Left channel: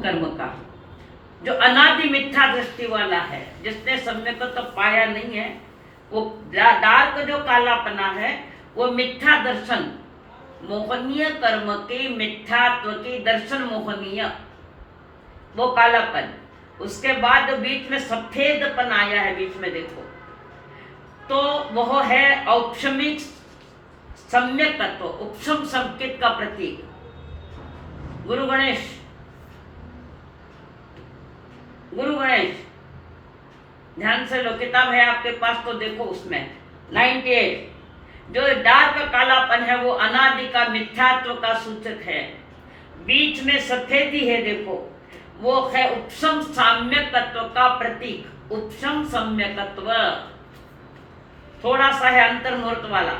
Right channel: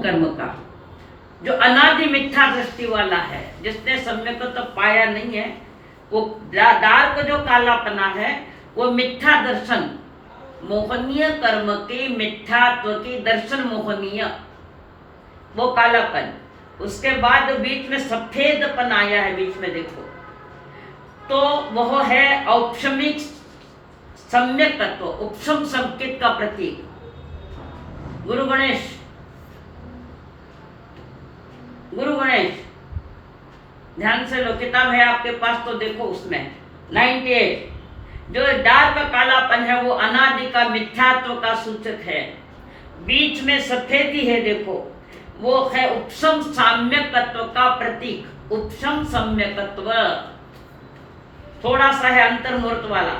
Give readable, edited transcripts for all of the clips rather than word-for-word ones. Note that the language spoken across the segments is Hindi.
कर्म का जो अनादि मिथ्या दृष्टि वाला है, जिसने सम्यक को तो पाया नहीं है, वो डार्क जो कालापना है वो मिथ्या दर्शन, मोहनीय कर्म के मिथ्यात्व की दर्शन मोहनीय, वो कालापन। उसके बाद बीच में सफेदपन आया है, बीच में देखो तो वह है औपशमिक सम्यक तत्व, उपशम संकेत का प्रतीक। गुरु गणेश, गुरु गणेश ध्यान से लो, किताब है आपके पास तो देखो, उसमें 98 जो डार्क कालापन है वो अनादि का मिथ्यात्व का सूचक है। बीच में सफेदी है देखो, वो है उपशम साम्यकत्व का प्रतीक। उपशम सम्यकत्व थोड़ा सा है अंतर्मुहूर्त वाला,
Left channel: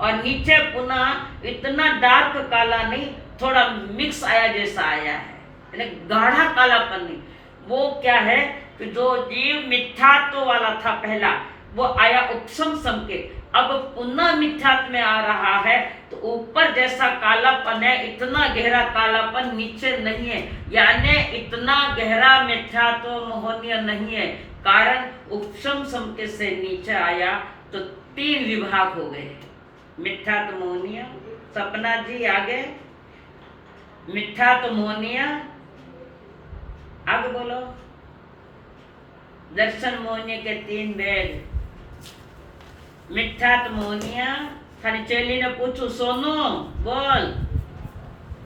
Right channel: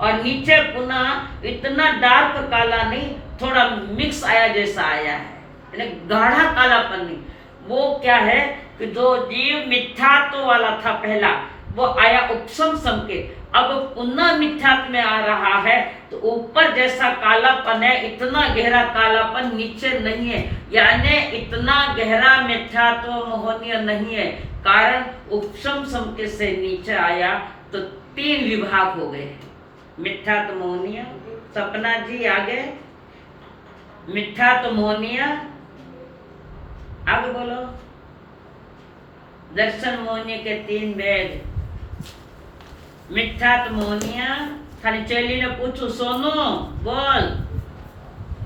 और नीचे पुनः इतना डार्क काला नहीं, थोड़ा मिक्स आया जैसा आया है, यानी गाढ़ा कालापन नहीं। वो क्या है कि जो जीव मिथ्यात्व वाला था पहला, वो आया उपशम संकेत, अब पुनः मिथ्यात्व में आ रहा है, तो ऊपर जैसा कालापन है इतना गहरा कालापन नीचे नहीं है, यानी इतना गहरा मिथ्यात्व मोहनीय नहीं है। कारण उपशम संकेत से नीचे आया तो 3 विभाग हो गए, मिथ्यात्व मोहनीय। सपना जी आगे, मिथ्यात्व मोहनीय, आगे बोलो। दर्शन मोहनीय के 3 भेद, मिथ्यात्व मोहनीय। खाली चेली ने पूछू, सोनू बोल,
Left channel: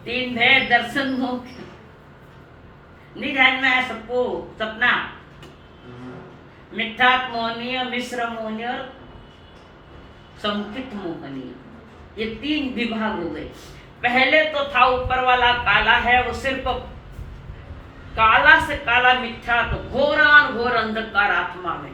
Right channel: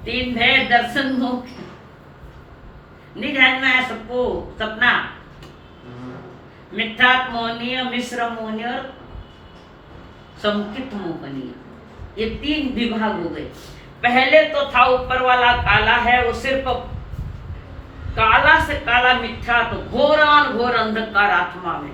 3 भेद दर्शन मोह, नहीं ध्यान में है सबको? सपना, मिथ्यात्व मोहनीय, मिश्र मोहनीय और संकित मोहनीय, ये 3 विभाग हो गए। पहले तो था ऊपर वाला काला है, वो सिर्फ काला से काला मिथ्या, तो घोरान घोर अंधकार आत्मा में,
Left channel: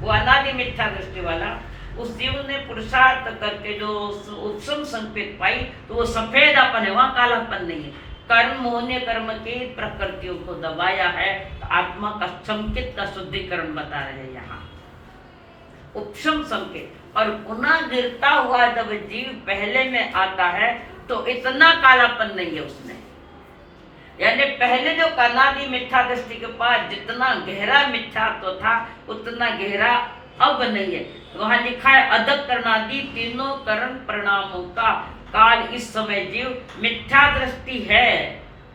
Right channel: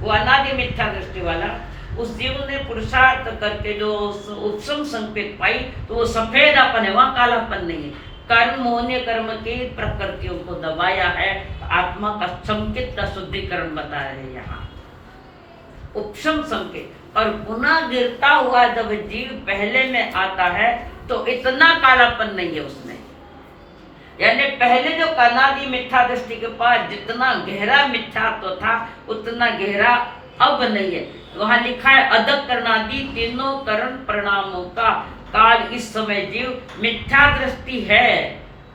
वो अनादि मिथ्या दृष्टि वाला। उस जीव ने पुरुषार्थ करके जो उपशम संकेत पाई, तो वो सफेदापन है, वहां कालापन नहीं है। कर्म मोहनीय कर्म की प्रकृतियों को दबाया है, तो आत्मा का संकेत का शुद्धिकरण बता रहे हैं यहाँ, उपशम संकेत। और पुनः गिरता हुआ जब जीव पहले में आता है तो इतना कालापन नहीं है उसमें, यानी पहले जो अनादि मिथ्या दृष्टि के पास जितना गहरा मिथ्यात्व था उतना गहरा अब नहीं है। वहां लिखा है अदक करणादि तीनों करण परिणामों का काल इस समय जीव मिथ्या दृष्टि है,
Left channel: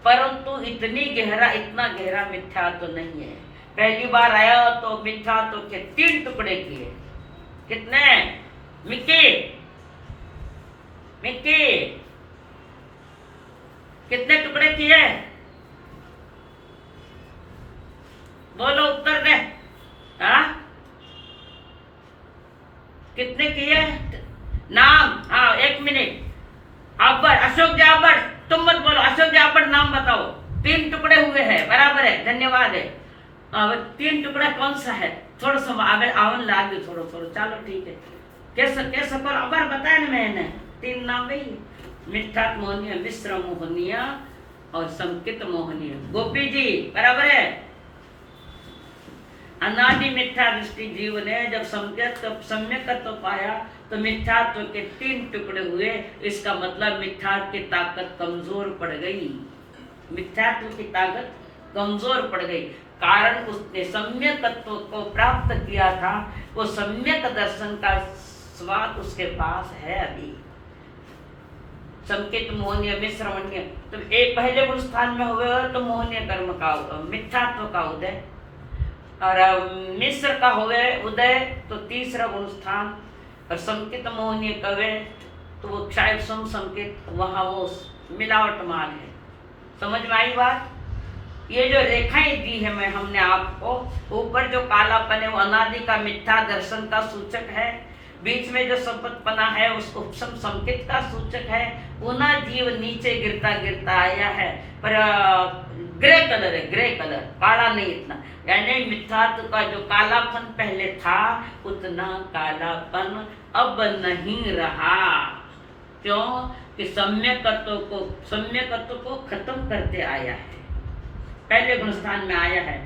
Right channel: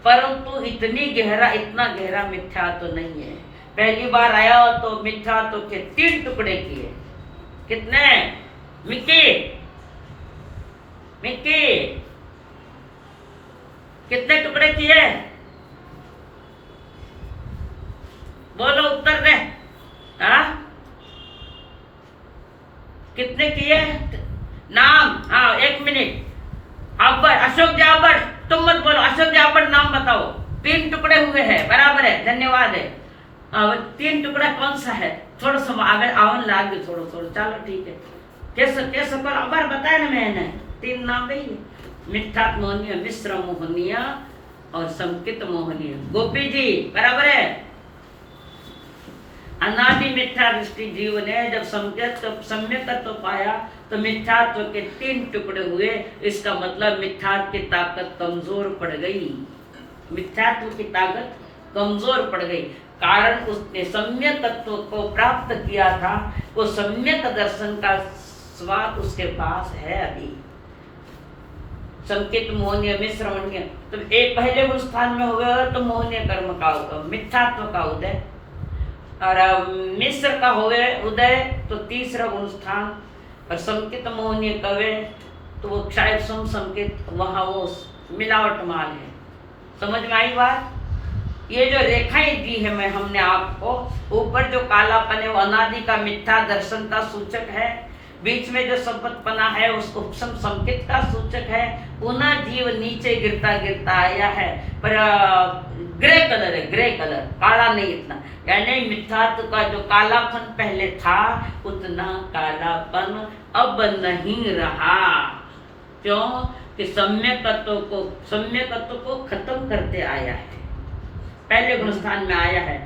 परंतु इतना गहरा मिथ्यात्व नहीं है। पहली बार आया तो मिथ्यात्व के 3 टुकड़े किए, कितने? मिक्की मिक्की कितने टुकड़े किए? बोलो, उत्तर दे। हाँ, कितने किए? नाम, हाँ 1 मिनट। आबर, अशोक जाबर, तुम मत बोलो, अशोक जाबर नाम बताओ। 3 टुकड़े हुए हैं, बराबर है, धन्यवाद है। 3 टुकड़ा कौन सा है? थोड़ा सा आगे आवन लाग दो, थोड़ा, चलो ठीक है। कैसे पर अबर बताया ना मैंने, 3 नाम नहीं, मिथ्यात्व मोहनीय, मिश्र मोहनीय और संकित मोहनीय। गोपी जी बराबर है। अनादि मिथ्या दृष्टि जीव ने जब सम्यकत्व पाया तो मिथ्यात्व के 3 टुकड़े हुए। इसका मतलब मिथ्यात्व की ताकत कमजोर पड़ गई, मिथ्यात्व की ताकत कमजोर पड़ गई। कारण उसने सम्यक तत्व को प्राप्त किया था, वो सम्यक दर्शन का स्वाद उसके पास है अभी। संकेत मोहनीय, मिश्र मोहनीय, तो एक पहले गुण स्थान में हुए तो मोहनीय कर्म का मिथ्यात्व का उदय, और मिश्र का हुए उदय तो तीसरा गुण स्थान, और संकेत मोहनीय कवे तो वो क्षय संकेत, वहां वो मिलावट माल है। समझ में आई बात? ये जो रेखाएं दी है मैं हमने आपको, ऊपर जो कालापन है वो अनादि का मिथ्या दर्शन का सूचक है, बीच में जो संपत्पना है उसको उपशम संकेत का सूचक है। पुनः जीव नीचे गिरता गिरता आया है, पर ग्रे कलर है, ग्रे कलर, काला नहीं इतना, यानी मिथ्यात्व का जो कालापन पहले था उतना कालापन अब नहीं रहा। क्यों? कि सम्यकत्व को खत्म करते आया है, पहले गुण स्थान में आया है।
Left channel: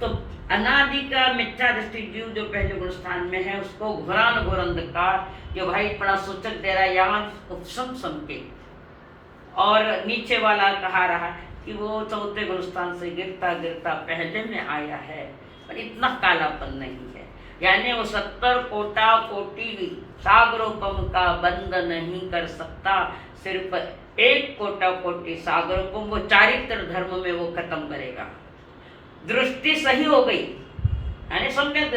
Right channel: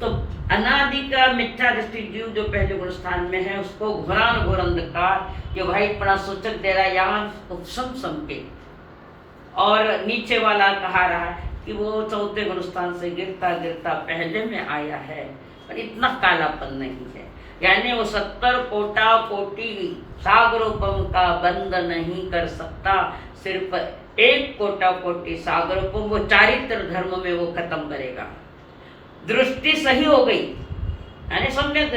तो अनादि का मिथ्या दृष्टि जीव जो पहले गुण स्थान में है उसको घोरान घोर अंधकार, ये वाइटपना सूचक दे रहा है यहाँ उपशम संकेत। और नीचे वाला कहा रहा कि वो चौथे गुण स्थान से गिरता गिरता पहले में आया है, पर इतना कालापन नहीं है। यानी वो 70 कोटा कोटि सागरोपम का बंद नहीं कर सकता, सिर्फ 1 कोटा कोटि सागरोपम वो चारित्र धर्म में वो खत्म करेगा। दृष्टि सही हो गई, यानी सम्यक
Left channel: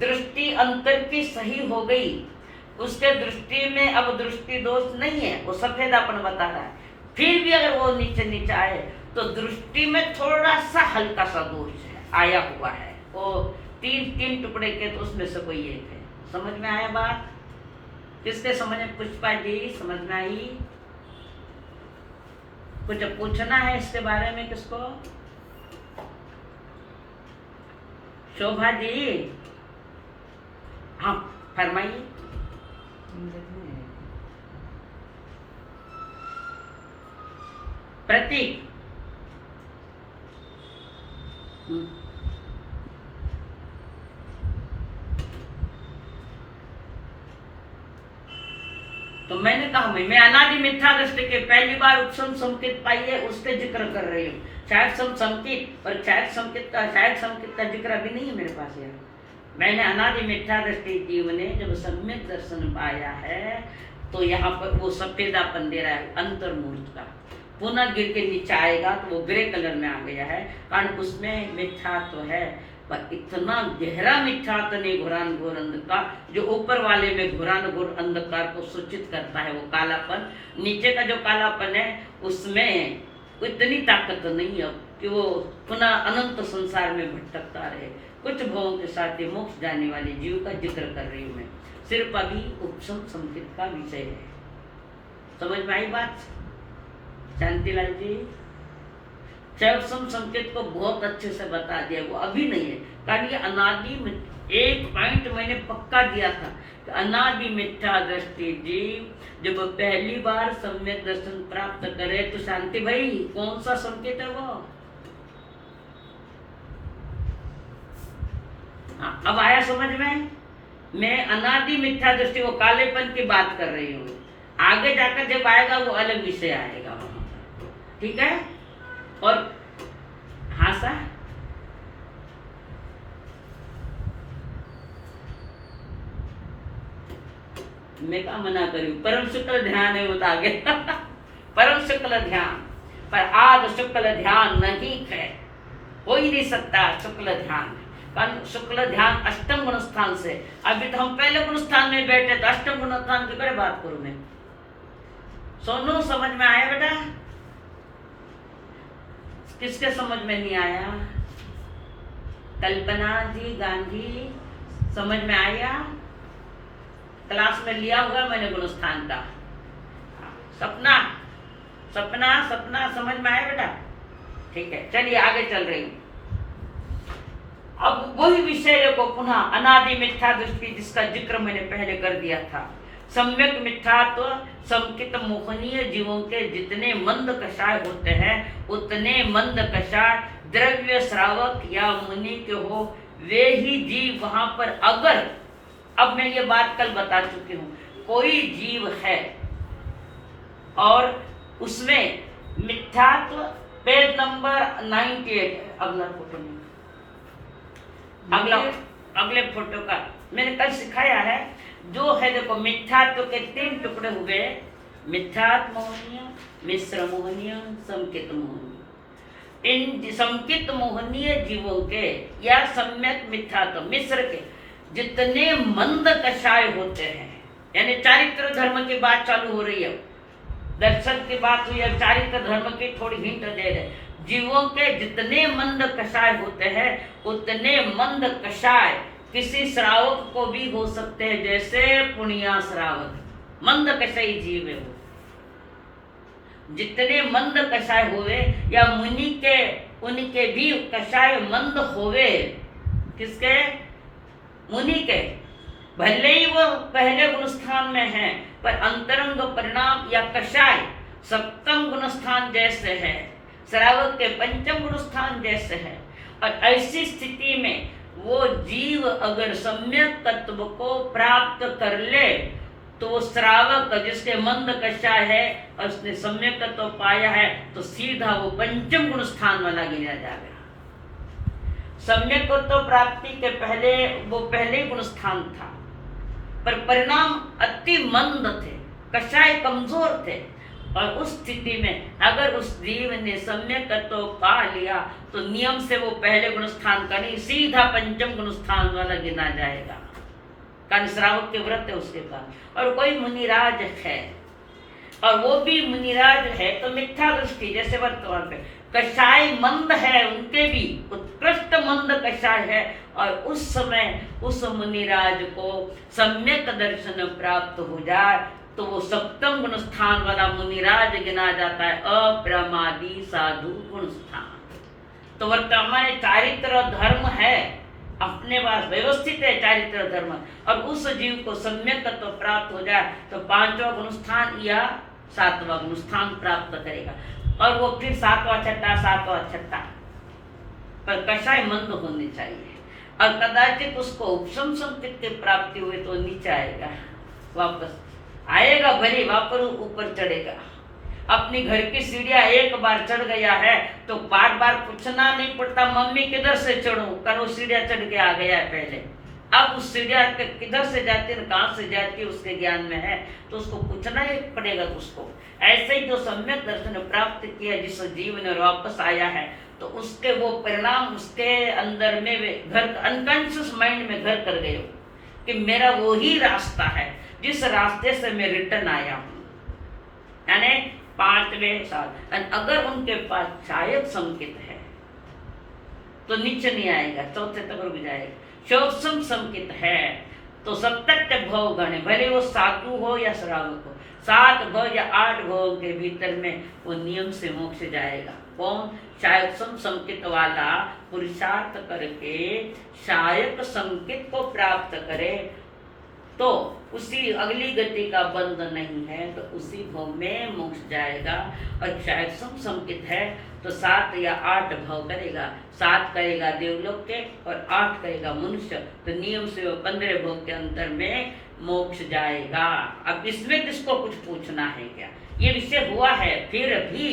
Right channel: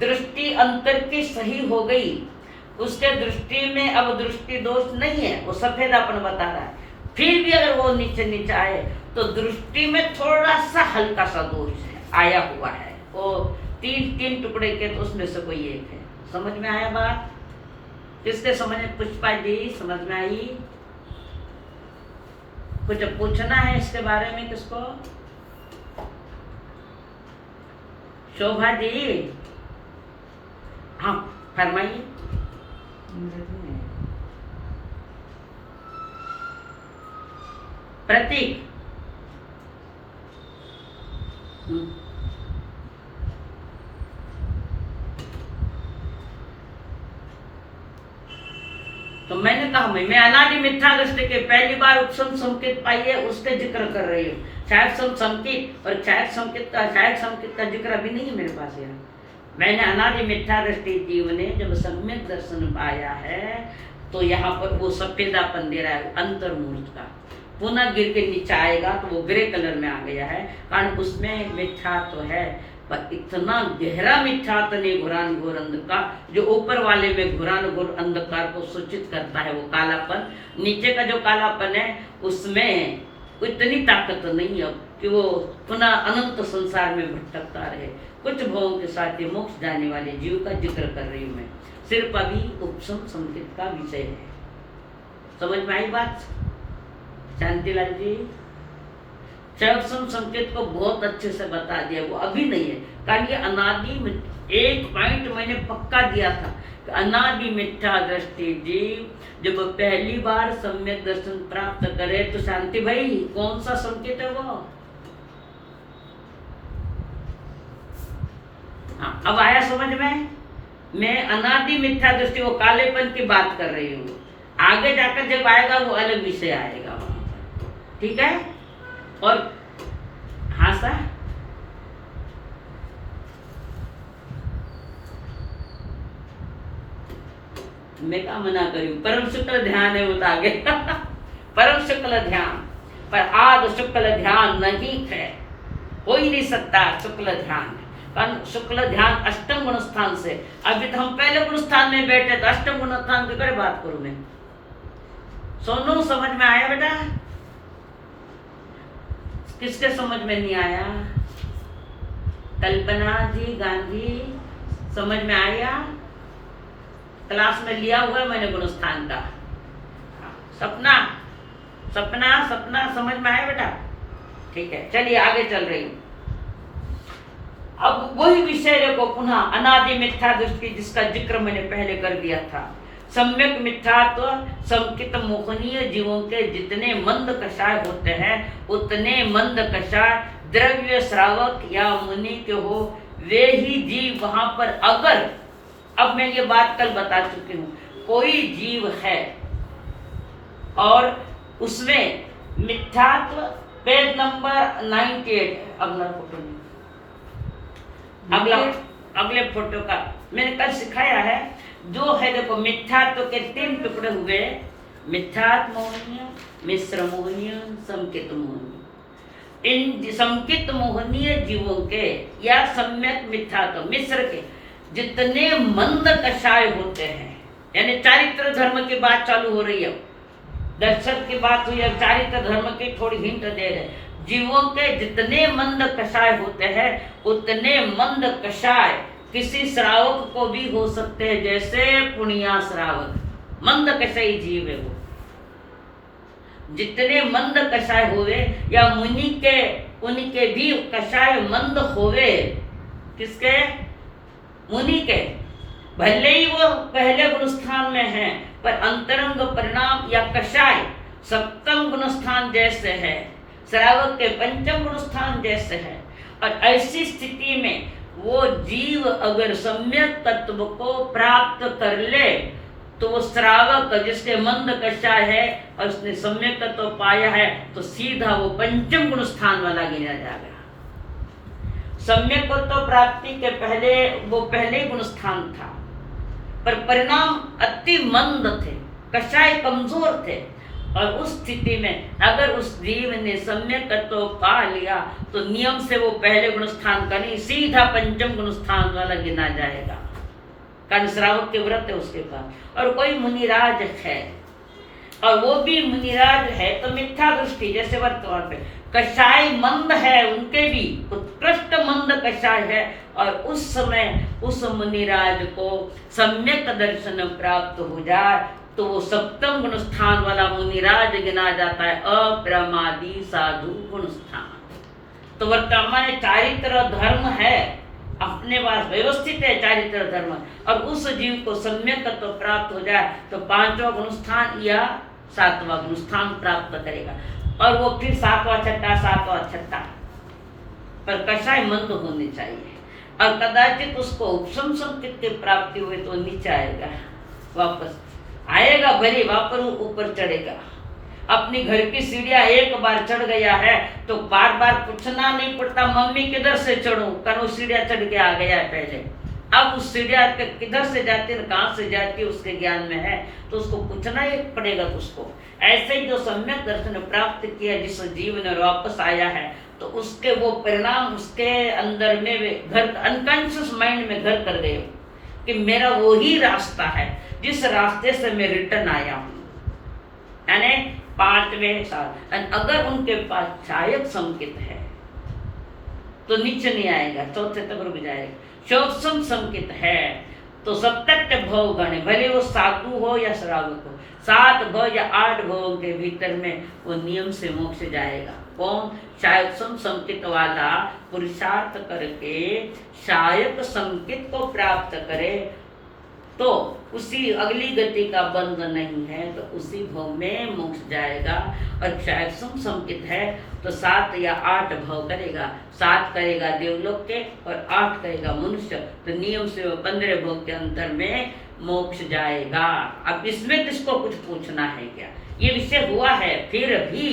दृष्टि अंतर की सही हो गई, उसके दृष्टि में अब दृष्टि दोष नहीं है, वो सफेदापन बता रहा है। फिर भी अगर वो नीचे नीचे आए तो दृष्टि में थोड़ा सा हल्का सा दोष है, आया हुआ है, वो 3 टुकड़े के, तो उसमें से कोई एक है। समझ में आया बात? किसके समझ में? पुष्पा जी समझ में आई? कुछ पूछना है इसके बारे में किसको? शोभा जी, हाँ फरमाइए। प्रतीक, तो मैंने कहा मैं अनादि मिथ्या दृष्टि के पहली बार उपसम संकेत पाई है, उसके जिक्र कर रही हूँ। शायद संकेत और शायद संकेत का जिक्र अभी नहीं है मेरे पास यार। मैंने अनादि मिथ्या दृष्टि जीव ने जब सम्यक दर्शन पाया है तो यहाँ पर वो सफेदापन दे रहा है अंतर्मूर्त का, पुनः गिर के नीचे आएगा तो वो ग्रे कलर में आ गया है, कारण उसमें मिथ्या तो है, पर इतना गहरा मिथ्या तो नहीं घुरान घोर अंधकार, जो ऊपर वाले में घुरान घोर अंधकार को सूचित करता है, वो कालापन। नीचे का जो कालापन है उसमें इतनी ताकत नहीं है कि वो पुनः अनंत संसार में भटकता रहे। कुछ भावों के साथ ये मोक्ष जाने वाले जीव का जिक्र कर रही हूँ मैं, सिर्फ अभी उपसम संकेत का विषय है। समझ में आई बात शांतिलाल जी? उपसम संकेत को बहुत अच्छे से बता दिया, वो अभी नहीं है, कारण ये अनादि में एक पॉइंट मैंने पक्का दिया था कि अनादि मिथ्या दृष्टि जीव जब पहली बार सम्यक दर्शन प्राप्त करे तो शांति भाई कौन सा संकेत है वो? हाँ, अब आया समझ में? मैं अनादि मिथ्या दृष्टि वो कालेपन की बात कर रही हूँ, आगे जाकर जब आएगा वो अलग विषय आएगा वहां पर, ठीक है? और हाँ सर, मैं क्या मना करी? परम शुक्ल ध्यान है, बता आगे परम शुक्ल ध्यान, पर आद शुक्ल ध्यान नहीं है, हो ही नहीं सकता शुक्ल ध्यान। कारण शुक्ल ध्यान अष्टम गुण स्थान से, अभी तो हम पहले गुण स्थान में बैठे तो अष्टम गुण स्थान की करे बात करूं मैं। सोनू समझ में आया बेटा? किसके समझ में नहीं आया? कल्पना जी गांधी समझ में आया? क्लास में लिया हुआ मैंने गुण स्थान का। सपना सपना सपना समझ में आया बेटा? ठीक है, चलिए आगे चल रही हूँ। अब वही विषय देखो पुनः अनादि मिथ्या दृष्टि, जिसका जिक्र मैंने पहले कर दिया था। सम्यक मिथ्यात्व संकित मोहनीय जीवों के जितने मंद कषाय होते हैं उतने मंद कषाय द्रव्य श्रावक या मुनि के हो, वे ही जीव वहां पर अगर, अब मैं ये बात कल बता चुकी हूँ, कोई जीव है और उसमें मिथ्यात्व, पेज नंबर 98, अगला फोटो नहीं, अगले फोटो का मैंने कल सिखाया है, जो है देखो मिथ्यात्व के 3 टुकड़े हुए, मिथ्यात्व मोहनीय, मिश्र मोहनीय, संकित मोहनीय। इन संकित मोहनीय जीवों के या सम्यक मिथ्यात्व मिश्र के जितने मंद कषाय होते हैं, यानी चारित्र धर्म की बात चालू हो रही है, दर्शन की बात हुई, अब चारित्र धर्म की थोड़ी हिंट दे रहे। जीवों के जितने मंद कषाय होते हैं उतने मंद कषाय किसी श्रावक को भी हो सकते हैं, जैसे पुण्या श्रावक मंद कषाय जीव है वो। जितने मंद कषाय होवे या मुनि के, उनके भी कषाय मंद होवे, किसके? मुनि के। भले ही वो पहले गुण स्थान में है, पर अंतरंग परिणाम या कषाय सप्तम गुण स्थान जैसे है, श्रावक के पंचम गुण स्थान जैसे है। और ऐसी स्थिति में वो जीव अगर सम्यक तत्व को प्राप्त कर ले तो वो श्रावक जिसके मंद कषाय है और उसने सम्यक तो पाया है तो सीधा वो पंचम गुण स्थान वाला गिना जाएगा। सम्यक तो प्राप्ति के पहले वो पहले गुण स्थान था, पर परिणाम अति मंद थे, कषाय कमजोर थे, और उस स्थिति में अगर उस जीव ने सम्यक तो पा लिया तो नियम से वो पहले गुण स्थान का नहीं सीधा पंचम गुण स्थान वाला गिना जाएगा। कारण श्रावक के व्रत है उसके पास। और कोई मुनिराज है और वो भी मुनिराज है तो मिथ्या दृष्टि, जैसे वर्तमान पे कषाय मंद है, उनके भी उत्कृष्ट मंद कषाय है, और उस समय उस मुनिराज को सम्यक दर्शन प्राप्त हो जाए तो वो सप्तम गुण स्थान वाला मुनिराज गिना जाता है, अप्रमादी साधु गुण स्थान। तो वर्तमान चारित्र धर्म है, अपने पास व्यवस्थित है चारित्र धर्म, और उस जीव को सम्यक तो प्राप्त हो जाए तो पांचवा गुण स्थान या सातवां गुण स्थान प्राप्त करेगा, और वो फिर सातवां छठा पर कषाय मंद होनी चाहिए, और कदाचित उसको उपशम संकेत की प्राप्ति हुई तो नीचे आएगा, वापस आएगा, भले वापस ऊपर चढ़ेगा। अपनी घर की सीढ़ियां एक बार चढ़ गया है तो बार बार पूछना नहीं पड़ता मम्मी किधर से चढ़ूं, कारण वो सीढ़ियां चढ़ के आ गया है पहले। अब उस सीढ़ियां किधर से जाती है कहां से जाती है उसके ज्ञान में है, तो उसको पूछना ही पड़ेगा उसको। ऐसे ही जो सम्यक दर्शन प्राप्त किया जिस जीव ने वापस आया है तो उसके वो परिणाम उसके अंदर में घर अनकॉन्शियस माइंड में घर कर गए कि मेरा वो ही रास्ता है जिस रास्ते से मैं रिटर्न आया हूं, यानी पांचवें साल। अगर उनके पास शायद संकेत है तो नीचे नहीं आएगा, चौथे तक रुक जाएगा। शोभसम संकेत है तो सप्तट भव गणे, भले वो साधु हो या श्रावक हो, 7 भव या 8 भव के भीतर में वो नियम से मोक्ष जाएगा। कौन? शायद संकेत वाला पुरुषार्थ करके शायद संकेत को प्राप्त करे तो उसी अगली गति का बंध नहीं है तो उसी भव में मोक्ष जाएगा। और शायद संकित है तो 7 या 8 भव करेगा, 7 करेगा देवलोक के और 8 करेगा मनुष्य, तो नियम से वो 15 भव के अंतर में मोक्ष जाएगा। अब इसमें किसको कुछ पूछना है क्या? ये विषय हुआ है, फिर भी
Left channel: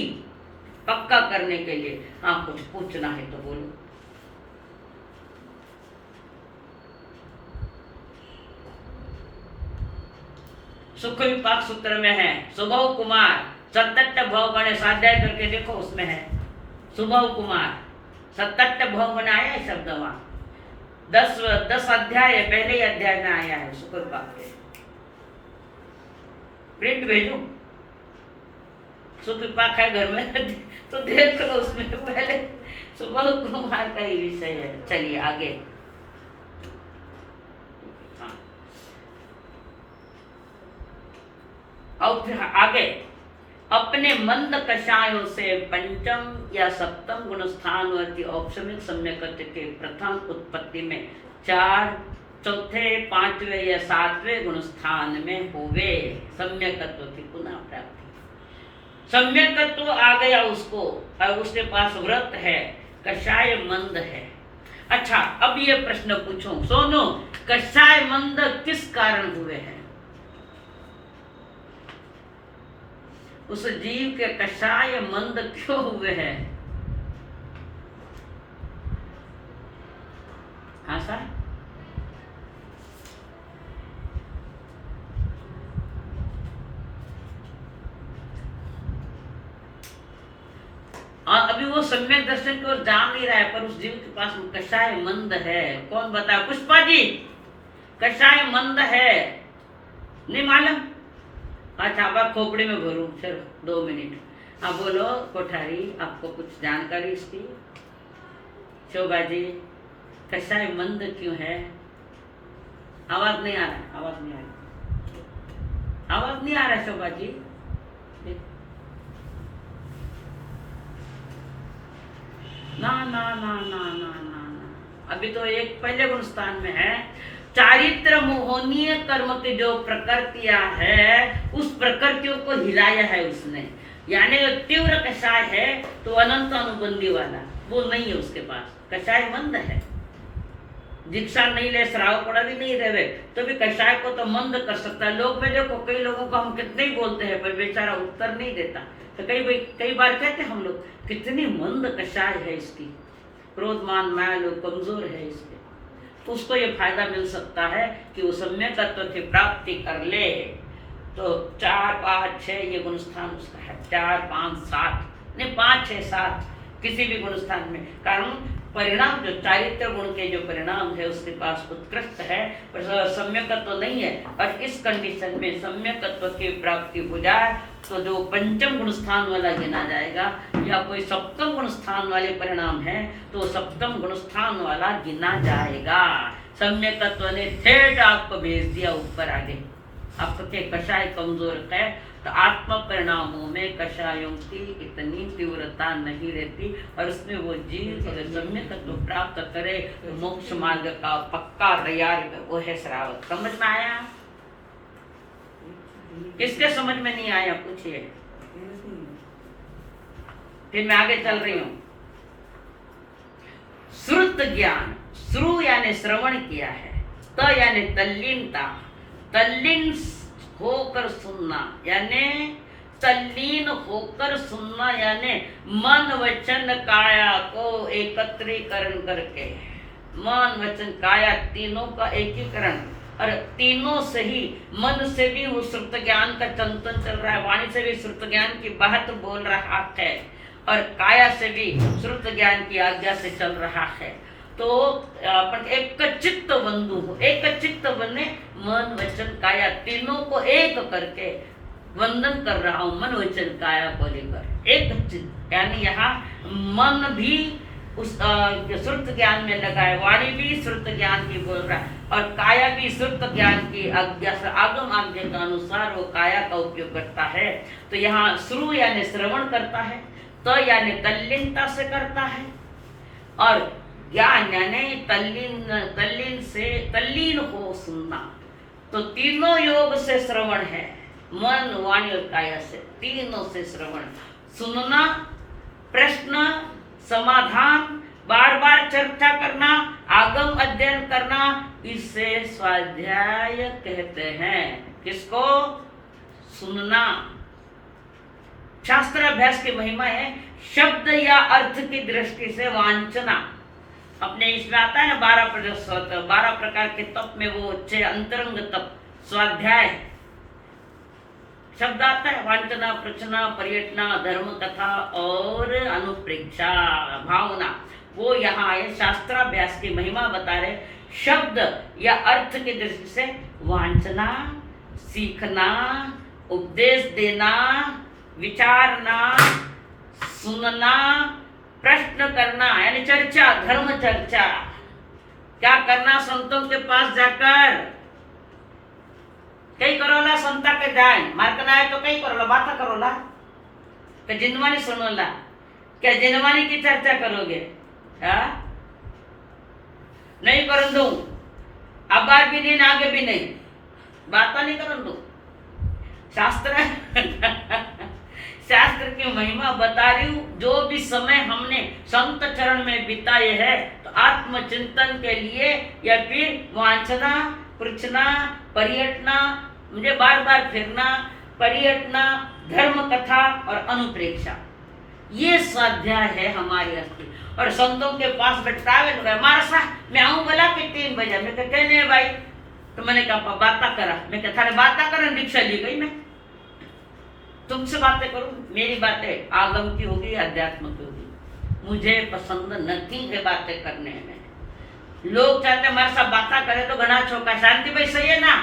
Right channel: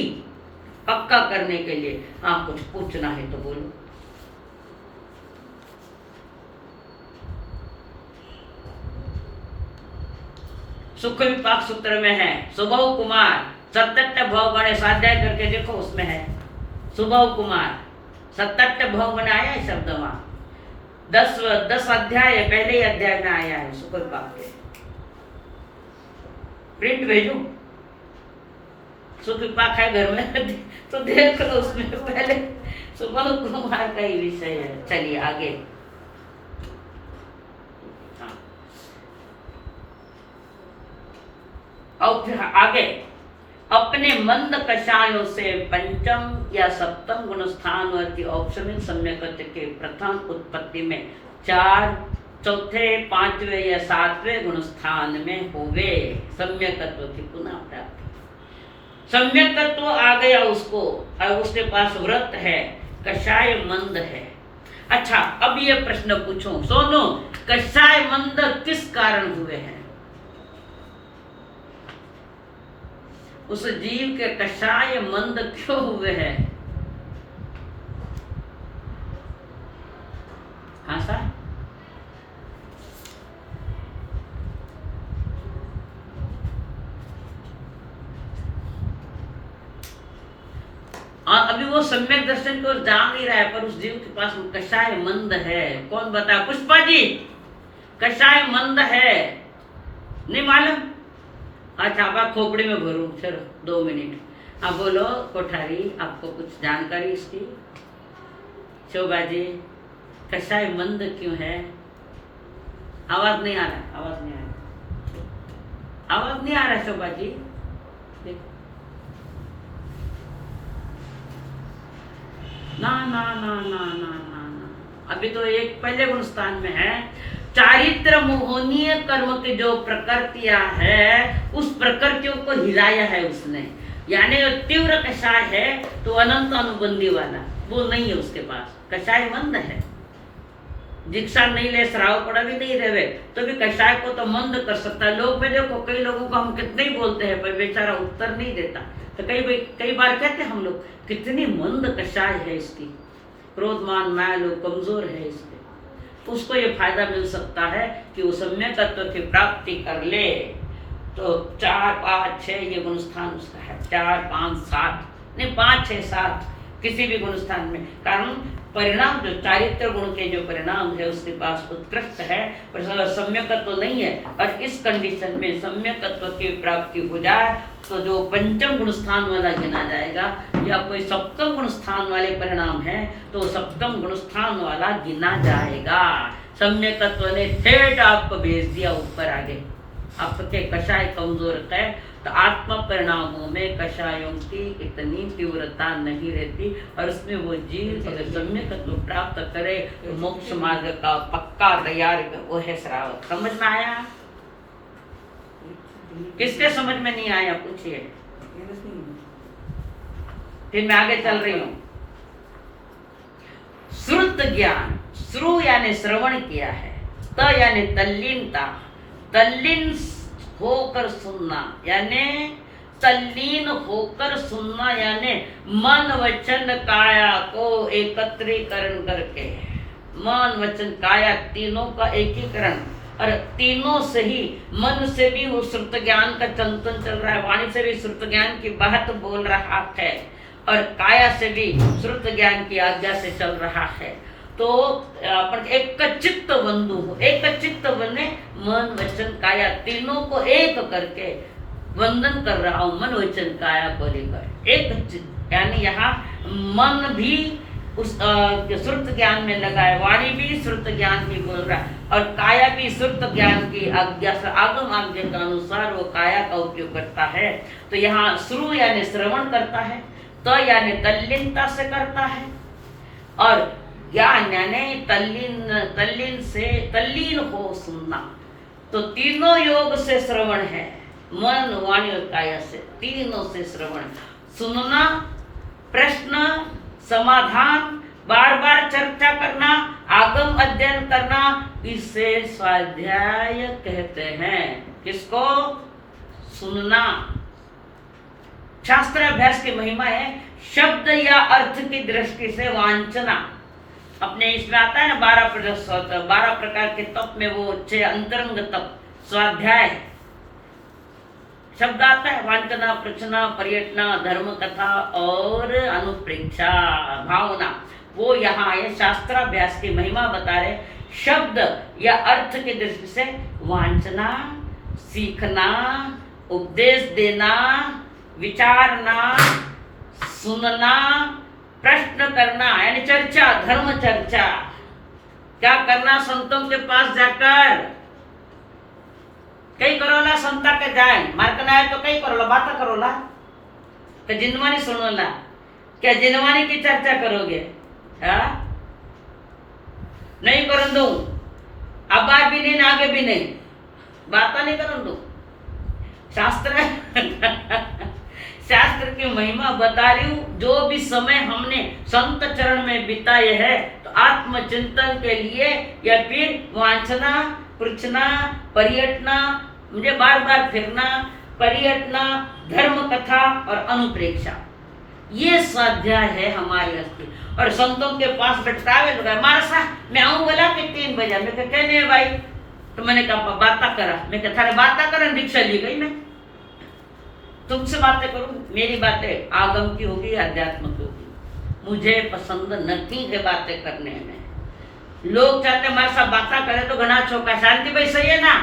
पक्का करने के लिए हाँ कुछ पूछना है तो बोलो। सुख विपाक सूत्र में है सुभव कुमार, 77 भव गणे, स्वाध्याय करके देखो उसमें है सुभव कुमार 77 भव गणे आया है शब्द वहां, 10 अध्याय पहले ही अध्याय में आया है सुख विपाक के। प्रिंट भेजू, सुख विपाक है घर में तो देख लो, उसमें पहले सुभव कुमार का ही विषय है। चलिए आगे, और फिर आगे अपने मंद कषायों से पंचम या सप्तम गुण स्थानवर्ती औपशमिक सम्यकत्व के प्रथम उत्पत्ति में 4, चौथे, 5वें या 7वें गुण स्थान में होवे सम्यकत्व की पुनः प्राप्ति। सम्यकत्व आ गया उसको और उसके पास व्रत है, कषाय मंद है। अच्छा, अब ये प्रश्न पूछो, सोनो, कषाय मंद किस कारण हुए हैं? उस जीव के कषाय मंद क्यों हुए हैं? हाँ सर, अभी वो सम्यक दर्शन को जान नहीं रहा है, पर उस जीव के पास कषाय मंद है। कौन बता? पुष्पा जी, कषाय मंद है, नहीं मालूम? अच्छा, आप खोपड़ी में भरो, चलो 2 मिनट। आप बोलो कोठारी, आपको कुछ जानकारी इसकी? शोभा जी, कषाय मंद क्यों है? आवाज नहीं आ रहा, आवाज नहीं आ रहा, आवाज नहीं आ रहा शोभा जी। ना ना ना ना ना ना ना, अभी तो एक पहले गुण स्थान में है। चारित्र मोहनीय कर्म के जो प्रकृतियां है उस प्रकृतियों को हिलाया है उसने, यानी जो तीव्र कषाय है तो अनंत अनुबंधी वाला वो नहीं है उसके पास, कषाय मंद है। दीक्षा नहीं ले, श्राव पड़ा भी नहीं रहे तो भी कषाय को तो मंद कर सकता है। लोग में देखो, कई लोगों को हम कितने ही बोलते हैं पर बेचारा उत्तर नहीं देता। तो कई बार कहते हैं हम लोग, कितनी मंद कषाय है इसकी, क्रोध मान माया लोग कमजोर है इसके। तो उसको ये फायदा मिल सकता है कि वो सम्यक तत्व की प्राप्ति कर ले। तो 4, 5, 6 ये गुण स्थान उसका है। 4, 5, 7 नहीं, 5, 6, 7 किसी भी गुण स्थान में। कारण परिणाम जो चारित्र गुण के जो परिणाम है उसके पास उत्कृष्ट है, पर सम्यकत्व नहीं है। और इस कंडीशन में सम्यकत्व की प्राप्ति हो जाए तो जो पंचम गुण स्थान वाला गिना जाएगा, या कोई सप्तम गुण स्थान वाले परिणाम है तो सप्तम गुण स्थान वाला गिना जाएगा। सम्यकत्व ने ठेठ आपको भेज दिया ऊपर आगे। आपके कषाय कमजोर है तो आत्म परिणामों में कषायों की इतनी तीव्रता नहीं रहती, और उसमें वो जीव अगर सम्यकत्व प्राप्त करे तो मोक्ष मार्ग का पक्का तैयार वो है श्रावक। समझ में आया? किसके समझ में नहीं आया पूछिए, फिर मैं आगे चल रही हूं। श्रुत ज्ञान, श्रु यानी श्रवण किया है, त यानी तल्लीनता, तल्लीन होकर सुनना यानी तल्लीन होकर सुनना, यानी मन वचन काया को एकत्रीकरण करके, मन वचन काया तीनों का एकीकरण, और तीनों से ही मन से भी वो श्रुत ज्ञान का चिंतन चल रहा है, वाणी से भी श्रुत ज्ञान की बात बोल रहा है, और काया से भी श्रुत ज्ञान की आज्ञा से चल रहा है। तो अपन एक चित्त बंधु हो, एक चित्त बने, मन वचन काया तीनों को एक करके वंदन कर रहा हूँ, मन वचन काया को लेकर एक चित्त। यानी यहाँ मन भी उस श्रुत ज्ञान में लगा है, वाणी भी श्रुत ज्ञान की बोल रहा है, और काया भी श्रुत ज्ञान की आज्ञा से आगम आज्ञा के अनुसार वो काया का उपयोग करता है। तो यहाँ श्रु यानी श्रवण करता है, तो यानी तल्लीनता से करता है, और ज्ञान यानी तल्लीन हो सुनना। तो तीनों योग से श्रवण है, मन वाणी और काया से, तीनों से श्रवण, सुनना, प्रश्न समाधान, बार बार चर्चा करना, आगम अध्ययन करना, इसे स्वाध्याय कहते हैं। किसको? सुनना। शास्त्र अभ्यास की महिमा है शब्द या अर्थ की दृष्टि से वांछना। अपने इसमें आता है ना 12 प्रकार के तप में वो 6 अंतरंग तप स्वाध्याय शब्द आता है, वांछना, प्रचना, पर्यटना, धर्म कथा और अनुप्रेक्षा भावना। वो यहाँ आए शास्त्राभ्यास की महिमा बता रहे, शब्द या अर्थ की दृष्टि से वांछना, सीखना, उपदेश देना, विचारना, सुनना, प्रश्न करना यानी चर्चा, धर्म चर्चा। क्या करना? संतों के पास जाकर कई करोला संता के जाए, मार्कना है तो कई करोला बात करोला, तो जिनवानी सुनोला, क्या जिनवानी की चर्चा करोगे? नहीं कर दू, अब भी नहीं आगे भी नहीं, बात नहीं कर दू। शास्त्र की महिमा बता रही हूँ। जो भी समय हमने संत चरण में बिताए है तो आत्मचिंतन के लिए, या फिर वांछना, पृछना, पर्यटना, मुझे बार बार फिरना, पर्यटना, धर्म कथा और अनुप्रेक्षा, ये स्वाध्याय है हमारी अस्थि। और संतों के पास बैठावे लोग हमारा सा, मैं आऊँ बोला कि 3 बजे, मैं कहने है भाई, तो मैंने कहा बाता करा, मैं कहा थारे बाता करा, दीक्षा ली गई, मैं तुमसे बातें करूं, मेरी बातें आगम की होगी, अध्यात्म की होगी, मुझे पसंद नहीं है बातें करने में। लोग चाहते हमारे साथ बातें करे तो घना छोका, शांति भाई सही है ना?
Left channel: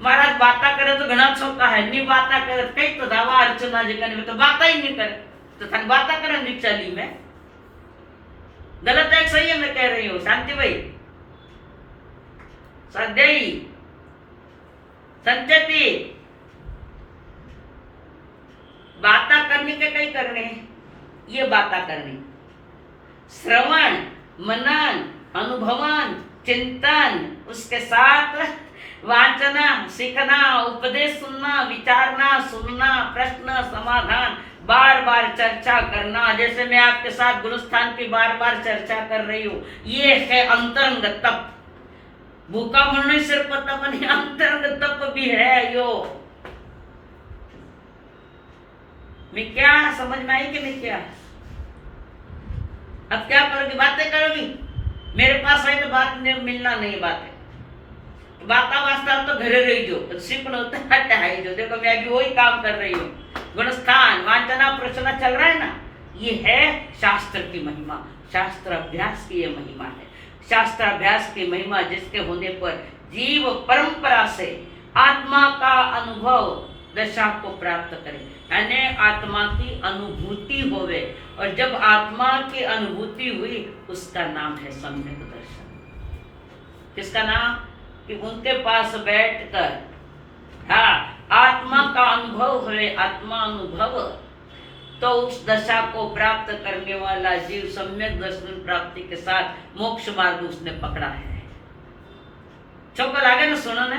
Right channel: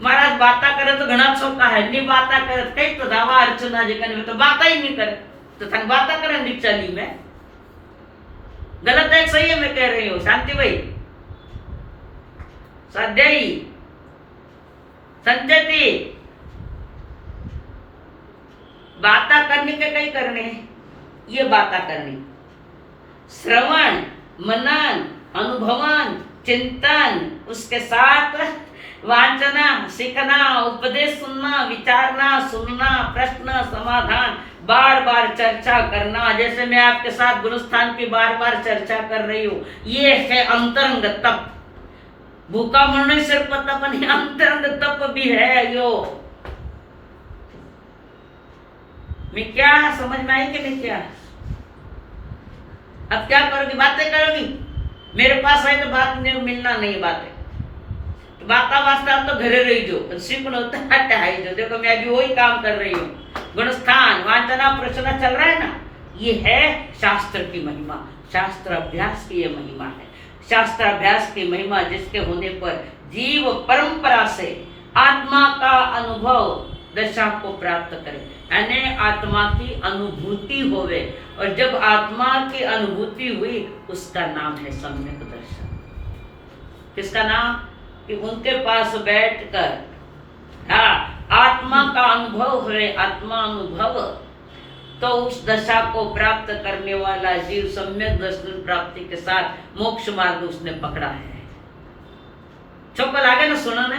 महाराज बातें करे तो घना छोका है, नहीं बातें करे कई तो दावा अर्चना जी करने में तो बातें ही नहीं करे, तो थाने बातें करें दीक्षा ली में, गलत है सही है मैं कह रही हूँ? शांति भाई, स्वाध्यायी, संजयती, बाता करने के कई करने हैं, ये बाता करनी, श्रवण, मनन, अनुभवन, चिंतन, उसके साथ वांचना, सीखना, उपदेश सुनना, विचारना, सुनना, प्रश्न समाधान, बार बार चर्चा करना, जैसे मैं आपके साथ गुणस्थान की बार बार चर्चा कर रही हूं, ये है अंतरंग तप। भूखा मरने सिर्फ तप नहीं, अंतरंग तप भी है यो। मैं क्या समझ में आई कि नहीं? क्या अब क्या करोगी? बातें करोगी? मेरे पास है तो बात मिलना नहीं, बातें तो बाता वास्ता तो घरे रही जो सीखना होता है। जो देखो मैं अभी वही काम कर रही हूँ, गुणस्थान वांचना प्रश्न चल रहा है ना। ये है शास्त्र की महिमा, शास्त्र अभ्यास की ये महिमा है। शास्त्र अभ्यास की महिमा जिसके होने पर जीव परंपरा से आत्मा का अनुभव दशा को प्राप्त करे, यानी आत्मा की अनुभूति होवे। और जब आत्मा की अनुभूति हुई उसका नाम है सम्यक दर्शन। किसका नाम? कि उनके पास बैठकर आत्मा का अनुभव हुए, आत्मा अनुभव, तो उस दशा को प्राप्त करने वाला जीव सम्यक दर्शन प्राप्ति के साथ मोक्ष मार्ग उसने पकड़ा है। चौकल आगे ना सुनो ने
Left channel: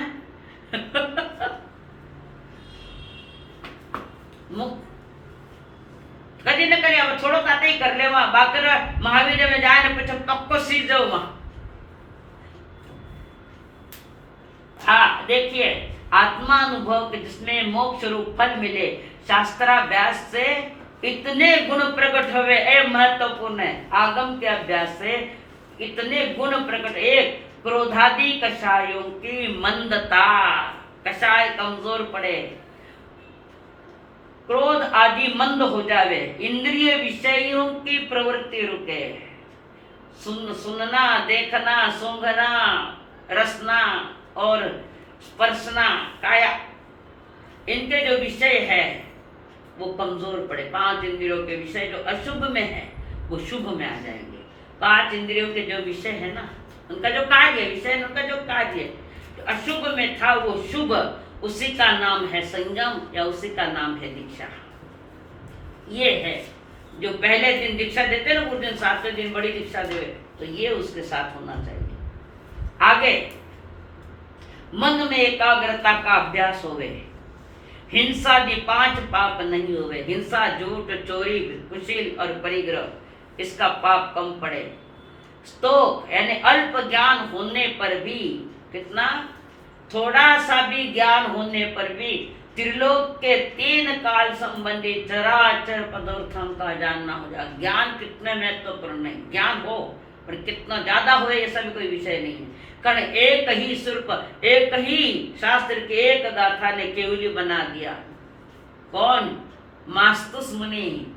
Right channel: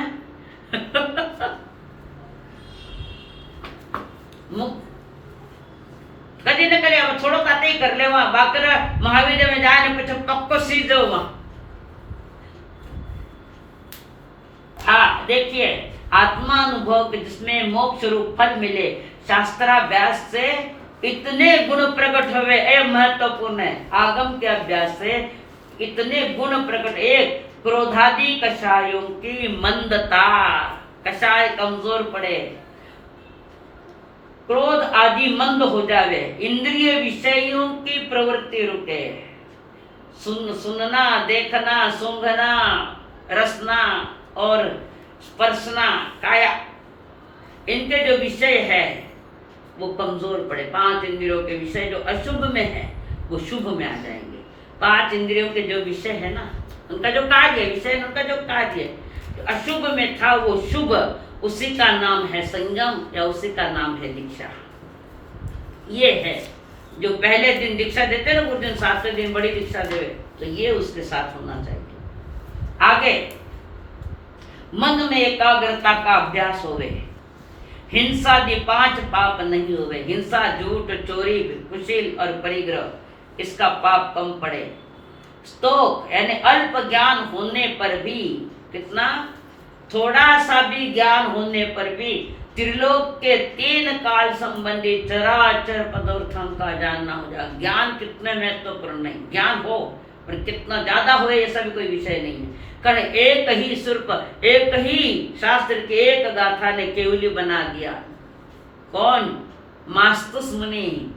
कदी न करे, अब थोड़ो काते ही कर ले वहां बाकर महावीर में जाए ने पीछे पक्को सी जाओ वहां। हाँ देखिए, आत्मा अनुभव जिसमें मोक्ष रूप फल मिले, शास्त्राभ्यास से इतने गुण प्रकट हुए। ए महत्वपूर्ण है, आगम के अभ्यास से इतने गुण प्रकट। एक, क्रोधादि कषायों की मंदता, कषाय कमजोर पड़े, क्रोध आदि मंद हो जावे, इंद्रिय विषयों की प्रवृत्ति रुके, सुनना, देखना, सूंघना, रसना और स्पर्शना, काया, इनके जो विषय है वो कमजोर पड़े। 5 इंद्रियों के विषय जो अशुभ में है वो शुभ में आ जाएंगे। 5 इंद्रियों के जो विषय है ना, उनका जो कार्य है, विषय उनका जो कार्य जो अशुभ में था वो शुभ, उसी का नाम है संयम या उसी का नाम है दीक्षा। ये है जो पहले दिन दीक्षा देते ना, कुछ दिन 7वें दिन बड़ी दीक्षा दे, तो ये उसके साथ होना चाहिए। आगे, मन में एकाग्रता का अभ्यास होवे, हिंसा दी 5 पाप नहीं हुए। हिंसा, झूठ, चोरी, कुशील और परिग्रह, इसका पाप कम पड़े। स्तोक यानी अल्प ज्ञान होने पर भी, कितना, थोड़ा सा भी ज्ञान होने पर भी त्रिलोक के 3 काल संबंधी चराचर पदार्थों का जानना हो जाए। ज्ञान कितने महत्वपूर्ण नहीं, ज्ञान हो पर कितना ज्यादा हो ये सब कोई विषय नहीं है। कारण एक ही सिर्फ एक ही शास्त्र के एक गाथा ने केवली बना दिया। कौन? मास्तुस मुनि।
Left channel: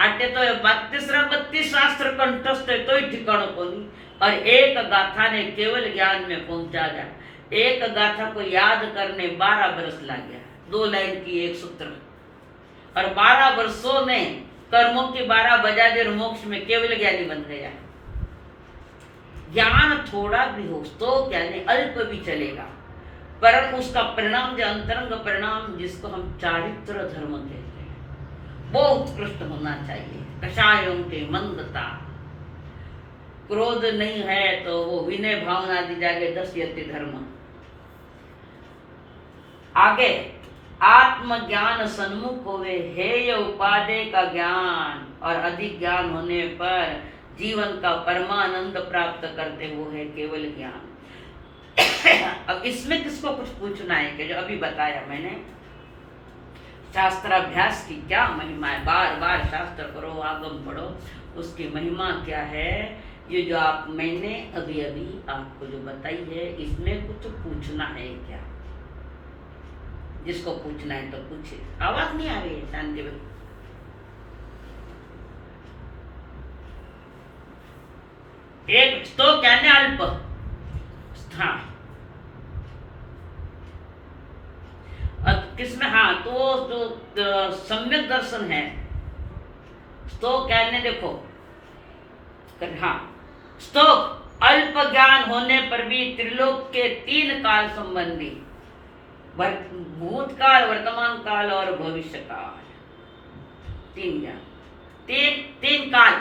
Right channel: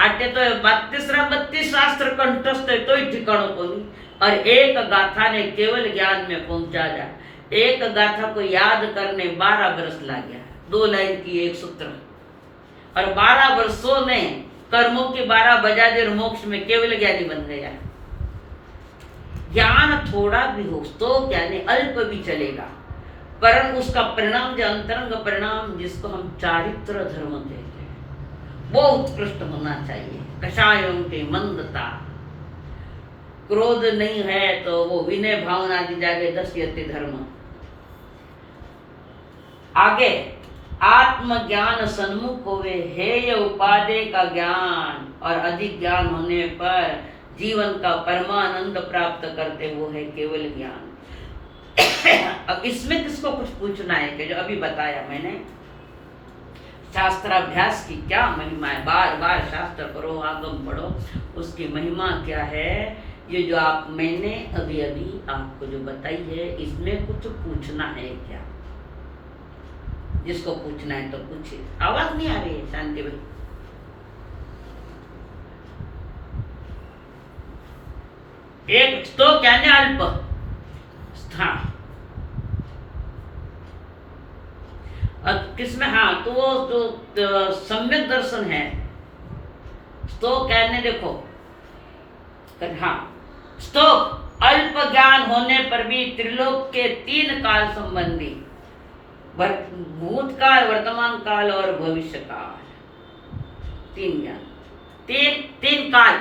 आटे तो 32 शास्त्र कंठस्थ है तो ही ठिकाणों को नहीं, और एक गाथा ने केवल ज्ञान में पहुंचा जाए। एक गाथा को याद करने 12 वर्ष लग गया, 2 लाइन की एक सूत्र, और 12 वर्षों में कर्मों की 12 बजा दे, मोक्ष में केवल ज्ञानी बन गया। ज्ञान थोड़ा भी हो तो यानी अल्प भी चलेगा, पर उसका परिणाम जो अंतरंग परिणाम जिसको हम चारित्र धर्म कहते हैं वो उत्कृष्ट होना चाहिए। कषायों के मंदता, क्रोध नहीं है तो वो विनय भावना दी जागे, 10 यति धर्म। आगे, आत्मज्ञान सन्मुख होवे, हेय उपादेय का ज्ञान, और अधिक ज्ञान होने पर जीवन का परमानंद प्राप्त करते वो है केवल ज्ञान। अब इसमें किसको कुछ पूछना है कि जो अभी बताया मैंने, शास्त्राभ्यास की क्या महिमा है। बार बार शास्त्र पढ़ो, आगम पढ़ो, उसकी महिमा क्या है, ये जो आप मैंने अभी अभी आपको जो बताई है, इसमें कुछ पूछना है क्या? जिसको पूछना है तो पूछे। आवाज नहीं आ रही है शांति भाई? एक तो क्या अल्प, हाँ, किसमें, हाँ, तो जो सम्यक दर्शन है तो कहने देखो, हाँ, स्तोक अल्प ज्ञान होने पर भी त्रिलोक के 3 काल संबंधी, भूतकाल, वर्तमान काल और भविष्य काल, 3 ज्ञान,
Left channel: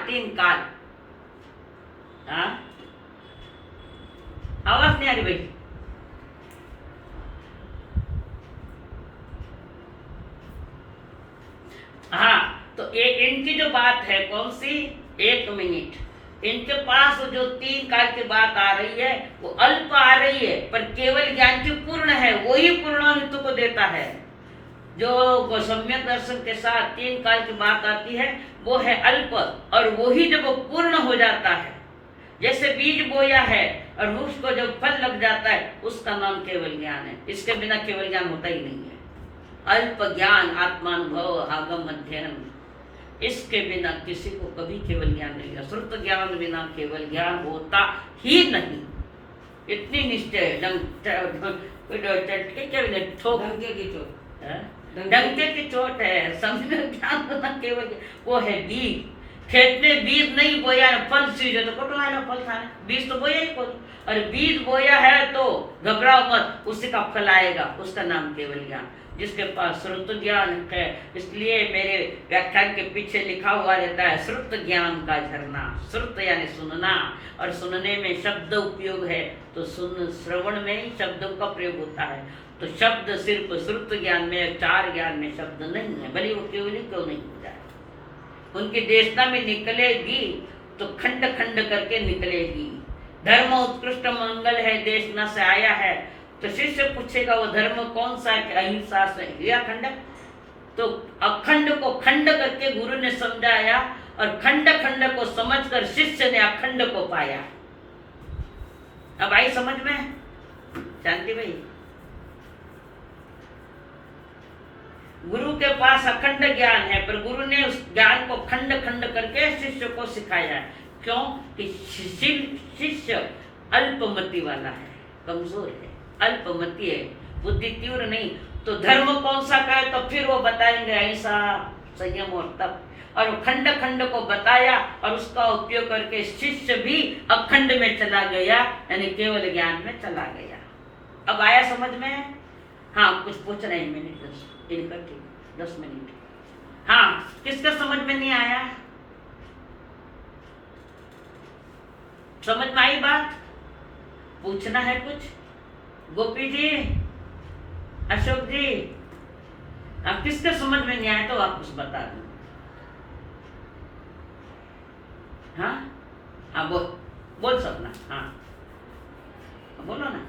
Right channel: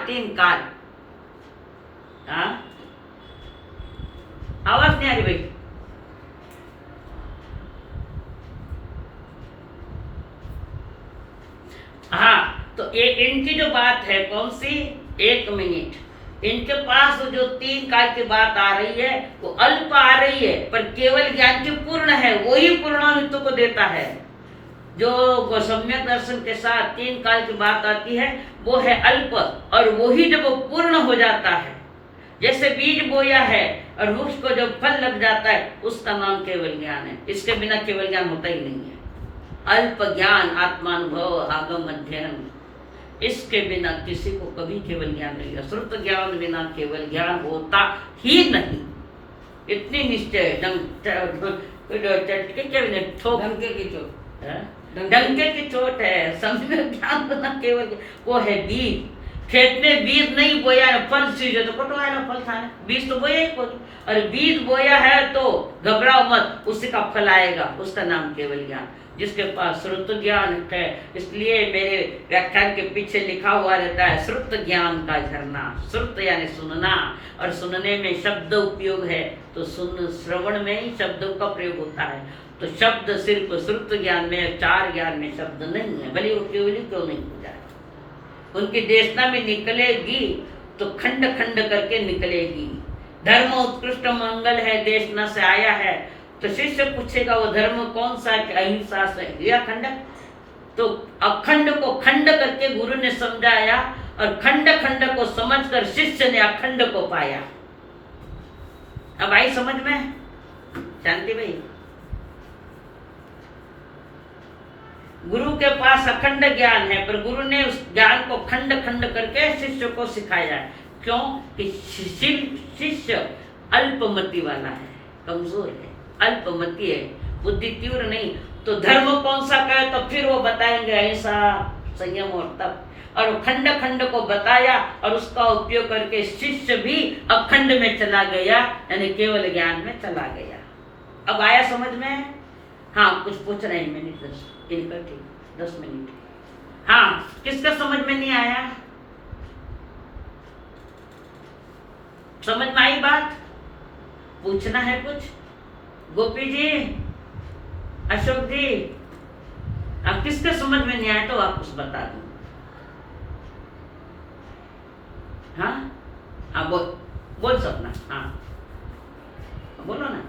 3 काल। हाँ, आवाज नहीं आ रही भाई? हाँ, तो ये इनकी जो बात है कौन सी, 1 मिनट, इनके पास जो 3 काल की बात आ रही है वो अल्प आ रही है, पर केवल ज्ञान की पूर्ण है, वही पूर्णामित्व को देता है। जो सम्यक दर्शन के साथ 3 काल की बात आती है वो है अल्प, और वही जब वो पूर्ण हो जाता है, जैसे बीज बोया है और वृक्ष को जब फल लग जाता है, उसका नाम केवल ज्ञान है। इसके बिना केवल ज्ञान होता ही नहीं है। अल्प ज्ञान आत्मानुभव आगम अध्ययन, इसके बिना किसी को कभी केवल ज्ञान नहीं है। श्रुत ज्ञान बिना केवल ज्ञान होता ही नहीं, इतनी निश्चय डंके की चोट है। समझ ज्ञान बिना केवल वो है बीज। खेत में बीज नहीं बोया है, फल सीजो तो कटवाए ना, फल खाए, बीज तो बोया ही कोई। और बीज बोया है तो घबराओ मत, उसी का फल आएगा, उसका नाम केवल ज्ञान। जिसके पास श्रुत ज्ञान है, इसलिए मेरे व्याख्यान के पीछे लिखा हुआ रहता है श्रुत ज्ञान का झरना। श्रुत यानी सुनना, और सुनने में शब्द उपयोग है, तो श्रवण में ही शब्दों का प्रयोग होता है। तो शब्द सिर्फ श्रुत ज्ञान में, 4 ज्ञान में शब्द नहीं है, भले वो केवल क्यों नहीं हो जाए। उनकी देशना में निकलेगी तो खंड खंड करके निकलेगी। धर्म उत्कृष्ट मंगल है, देशना से आया है, तो शिष्य पूछेगा वो धर्म कौन सा है, अहिंसा से या खंड। तो अखंड को खंड करके गुरु ने समझाया, और खंड खंड को समझकर शिष्य ने अखंड को पाया। अब आई समझ में शांति भाई? गुरु के पास अखंड ज्ञान है, पर गुरु ने उस ज्ञान को खंड खंड करके शिष्य को सिखाया है। क्यों कि शिष्य अल्पमति वाला है, कमजोर है, अल्पमति है, बुद्धि तीव्र नहीं। तो धर्म कौन सा का है, तो फिर वो बताएंगे अहिंसा, संयम और तप। और खंड खंड को बताया, और उसका उपयोग करके शिष्य भी अखंड में चला गया, यानी केवल ज्ञान में चला गया। अब आया समझ में? हाँ, कुछ पूछ रहे हैं, मिनट 10 मिनट। हाँ, किसका समझ में नहीं आया? समझ में आई बात? पूछना है कुछ? गोपी जी, अशोक जी, अब किसके समझ में नहीं आया तो वापस बता दूं। हाँ हाँ, बोल सपना। हाँ बोलो ना।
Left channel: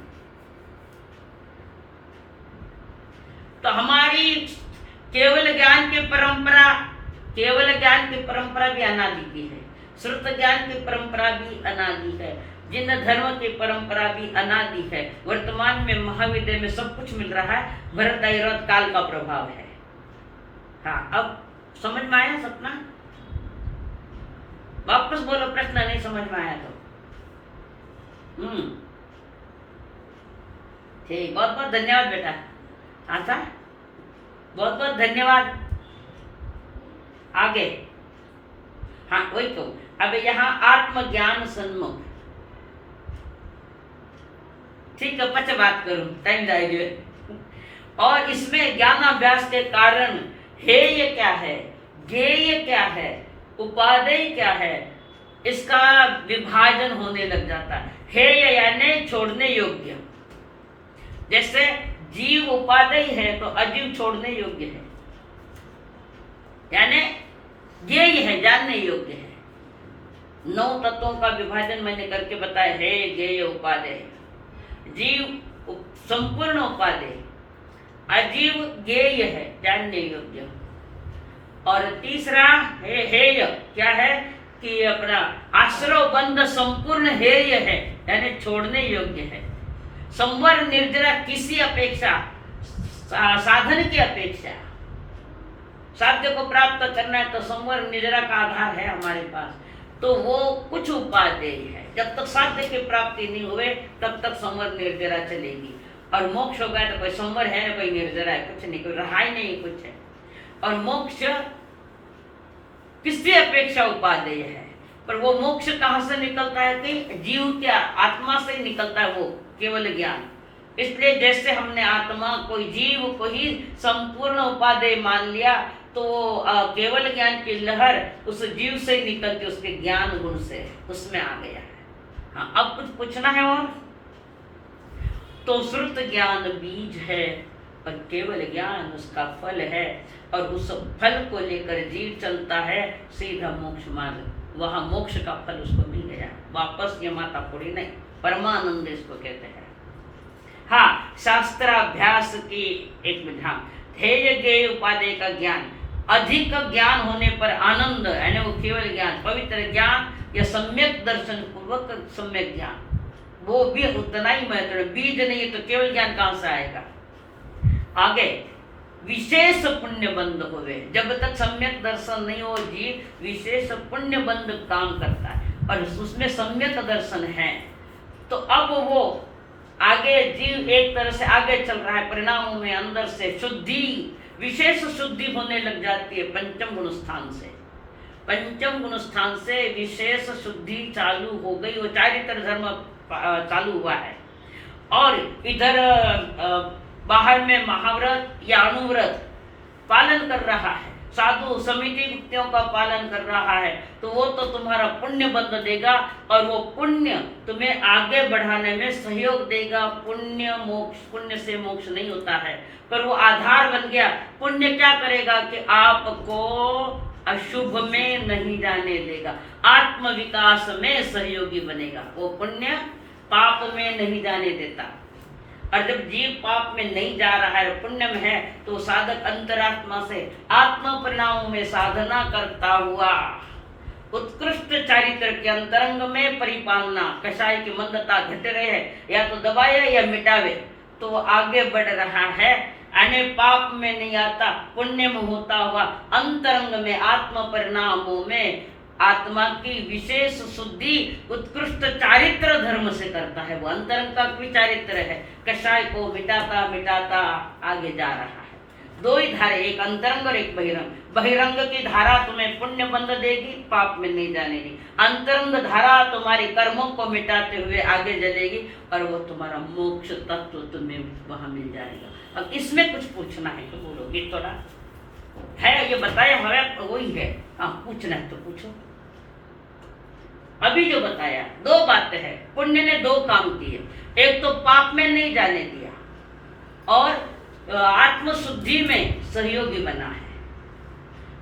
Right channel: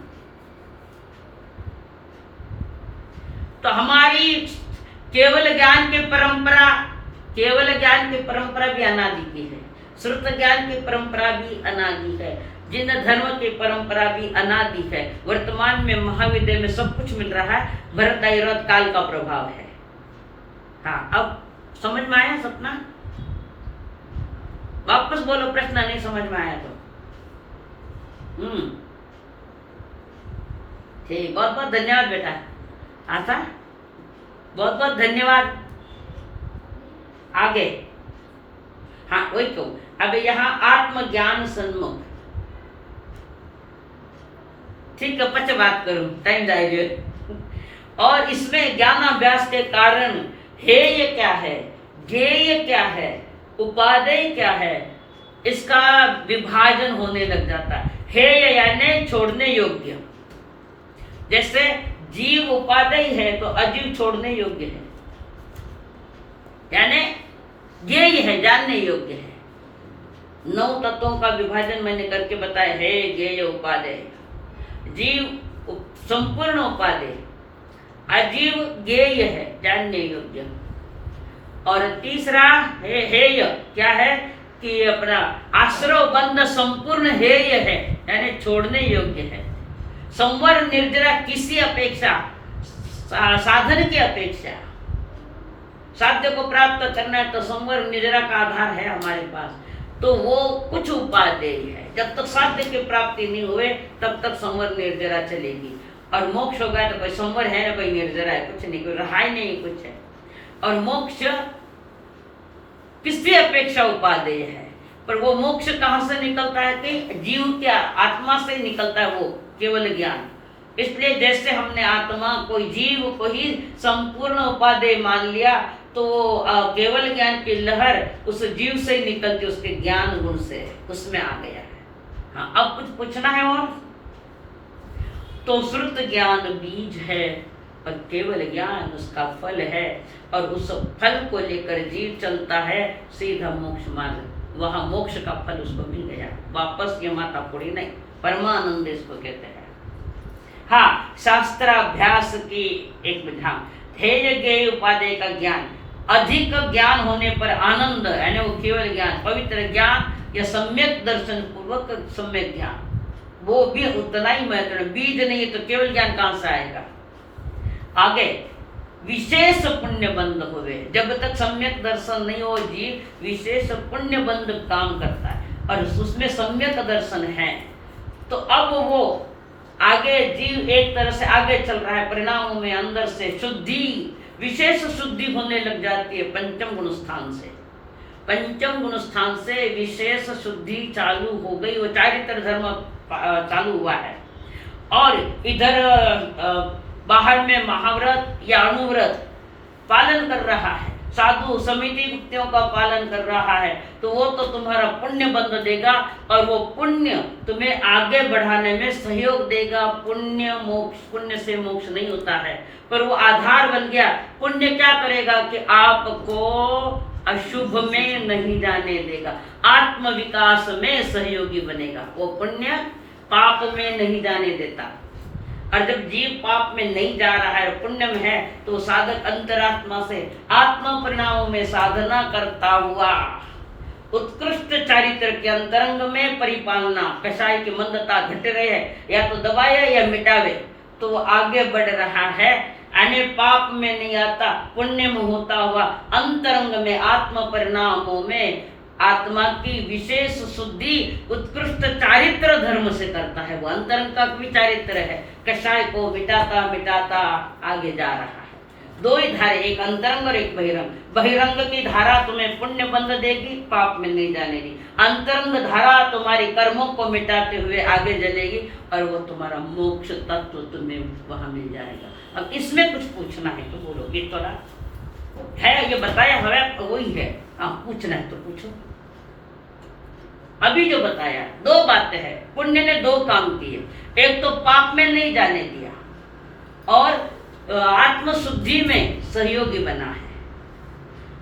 तो हमारी केवल ज्ञान की परंपरा, केवल ज्ञान की परंपरा भी अनादि की है, श्रुत ज्ञान की परंपरा भी अनादि है, जिन धर्म की परंपरा भी अनादि है। वर्तमान में महाविद्या में सब कुछ मिल रहा है, भरत ऐरावत काल का प्रभाव है। हाँ, अब समझ में आया सपना? वापस बोलो, प्रश्न नहीं समझ में आया तो। ठीक, बहुत बहुत धन्यवाद बेटा। आता, बहुत बहुत धन्यवाद। आगे, हाँ वही तो। अब यहाँ आत्मज्ञान सन्मुख, ठीक है, पच बात करूं, टाइम जाएगा। और इसमें ज्ञानाभ्यास के कारण हेय क्या है, ज्ञेय क्या है, उपादेय क्या है, इसका विभाजन होने लग जाता है। हेय यानी छोड़ने योग्य, जैसे जीव उपादेय है तो अजीव छोड़ने योग्य है, यानी ज्ञेय है, जानने योग्य है। 9 तत्वों का विभाजन मैंने करके बताया है, ज्ञेय उपादेय। जीव संपूर्ण उपादेय, अजीव ज्ञेय है, जानने योग्य। और तीसरा हेय क्या है कि अपना आश्रव बंध संपूर्ण हेय है, यानी छोड़ने योग्य है। संवर निर्जरा किसी अपेक्षा, साधन की अपेक्षा, साध्य को प्राप्त करना है तो संवर निर्जरा का आधार है हमारे पास, तो वो कुछ उपादेय है। जब तक साध्य की प्राप्ति नहीं हुए तब तक संवर निर्जरा चलेगी। और मोक्ष हो गया तो कोई संवर है ना कोई निर्जरा है, कुछ नहीं, कोई रहा ही नहीं कुछ है। और मोक्ष किसकी अपेक्षा उपादेय है, पर वो मोक्ष कहाँ से निकलता है कि जीव क्या आत्मा से ही निकलता है, वो केवल ज्ञान। इसलिए जैसे हमने आत्मा कोई जीव को ही संपूर्ण उपादेय मान लिया, तो केवल ज्ञान की लहर उस जीव से निकलती, उसके ज्ञान गुण से उसमें आ गया है। हाँ, अब कुछ पूछना है और? तो श्रुत ज्ञान बीज है, और केवल ज्ञान उसका फल है, और उस फल को लेकर जीव चलता है सीधा मोक्ष मार्ग, वहां मोक्ष का फल उसको मिल गया, वापस ये माता पूरी नहीं, परमानंद इसको कहते हैं। हाँ, शास्त्राभ्यास की एक विधान, ध्येय ज्ञेय उपादेय का ज्ञान, अधिक ज्ञान होने पर आनंद, यानी वो केवल ज्ञान, पवित्र ज्ञान या सम्यक दर्शन पूर्वक सम्यक ज्ञान, वो भी उतना ही महत्वपूर्ण। बीज नहीं तो केवल ज्ञान कहां से आएगा। आगे विशेष पुण्य बंध हुए, जब तक सम्यक दर्शन नहीं हो जीव विशेष पुण्य बंध काम करता है, और उसमें सम्यक दर्शन है, तो अब वो आगे जीव एक तरह से आगे चल रहा है, परिणामों में अंदर से शुद्धि, विशेष शुद्धि होने लग जाती है पंचम गुण स्थान से। पंचम गुण स्थान से विशेष शुद्धि चालू हो गई, वो चारित्र धर्म चालू हुआ है। और इधर बाहर में महाव्रत या अनुव्रत पालन कर रहा है, साधु समिति युक्तियों का पालन कर रहा है, तो वो तो तुम्हारा पुण्य बंध देगा, और वो पुण्य तुम्हें आगे बढ़ाने में सहयोग देगा। पुण्य मोक्ष, पुण्य से मोक्ष नहीं होता है, पर वो आधार बन गया। पुण्य क्या करेगा कि आपको अशुभ में नहीं जाने देगा, आत्म विकास में सहयोगी बनेगा। वो पुण्य पाप में नहीं जाने देता, और जब जीव पाप में नहीं जा रहा है, पुण्य में है, तो साधक अंतरात्मा से आत्म परिणामों में साधना करता हुआ उत्कृष्ट चारित्र के अंतरंग में परिपालना, कषाय की मंदता घट रहे है, या तो दबाए या मिटावे, तो वो आगे बढ़ रहा है, यानी पाप में नहीं आता, पुण्य में होता हुआ अंतरंग में आत्म परिणामों में आत्मा की विशेष शुद्धि उत्कृष्ट चारित्र धर्म से करता है। वो अंतरंग का भी चारित्र है, कषाय को मिटाता मिटाता आगे जा रहा है। दो ही धारे, एक अंतरंग और एक बहिरंग। बहिरंग की धारा तुम्हें पुण्य बंध देगी, पाप में नहीं जाने दी। अंतरंग धारा तुम्हारी कर्मों को मिटाते हुए आगे चलेगी, और वो तुम्हारा मोक्ष तत्व तुम्हें वहां मिल जाएगा। अब इसमें कुछ पूछना है तो बोलोगे, थोड़ा है ये बताया हमें वही है, पूछना है तो पूछो। अभी जो बताया दो बातें हैं, पुण्य ने दो काम किए, एक तो पाप में नहीं जाने दिया, और आत्म शुद्धि में सहयोगी बना है।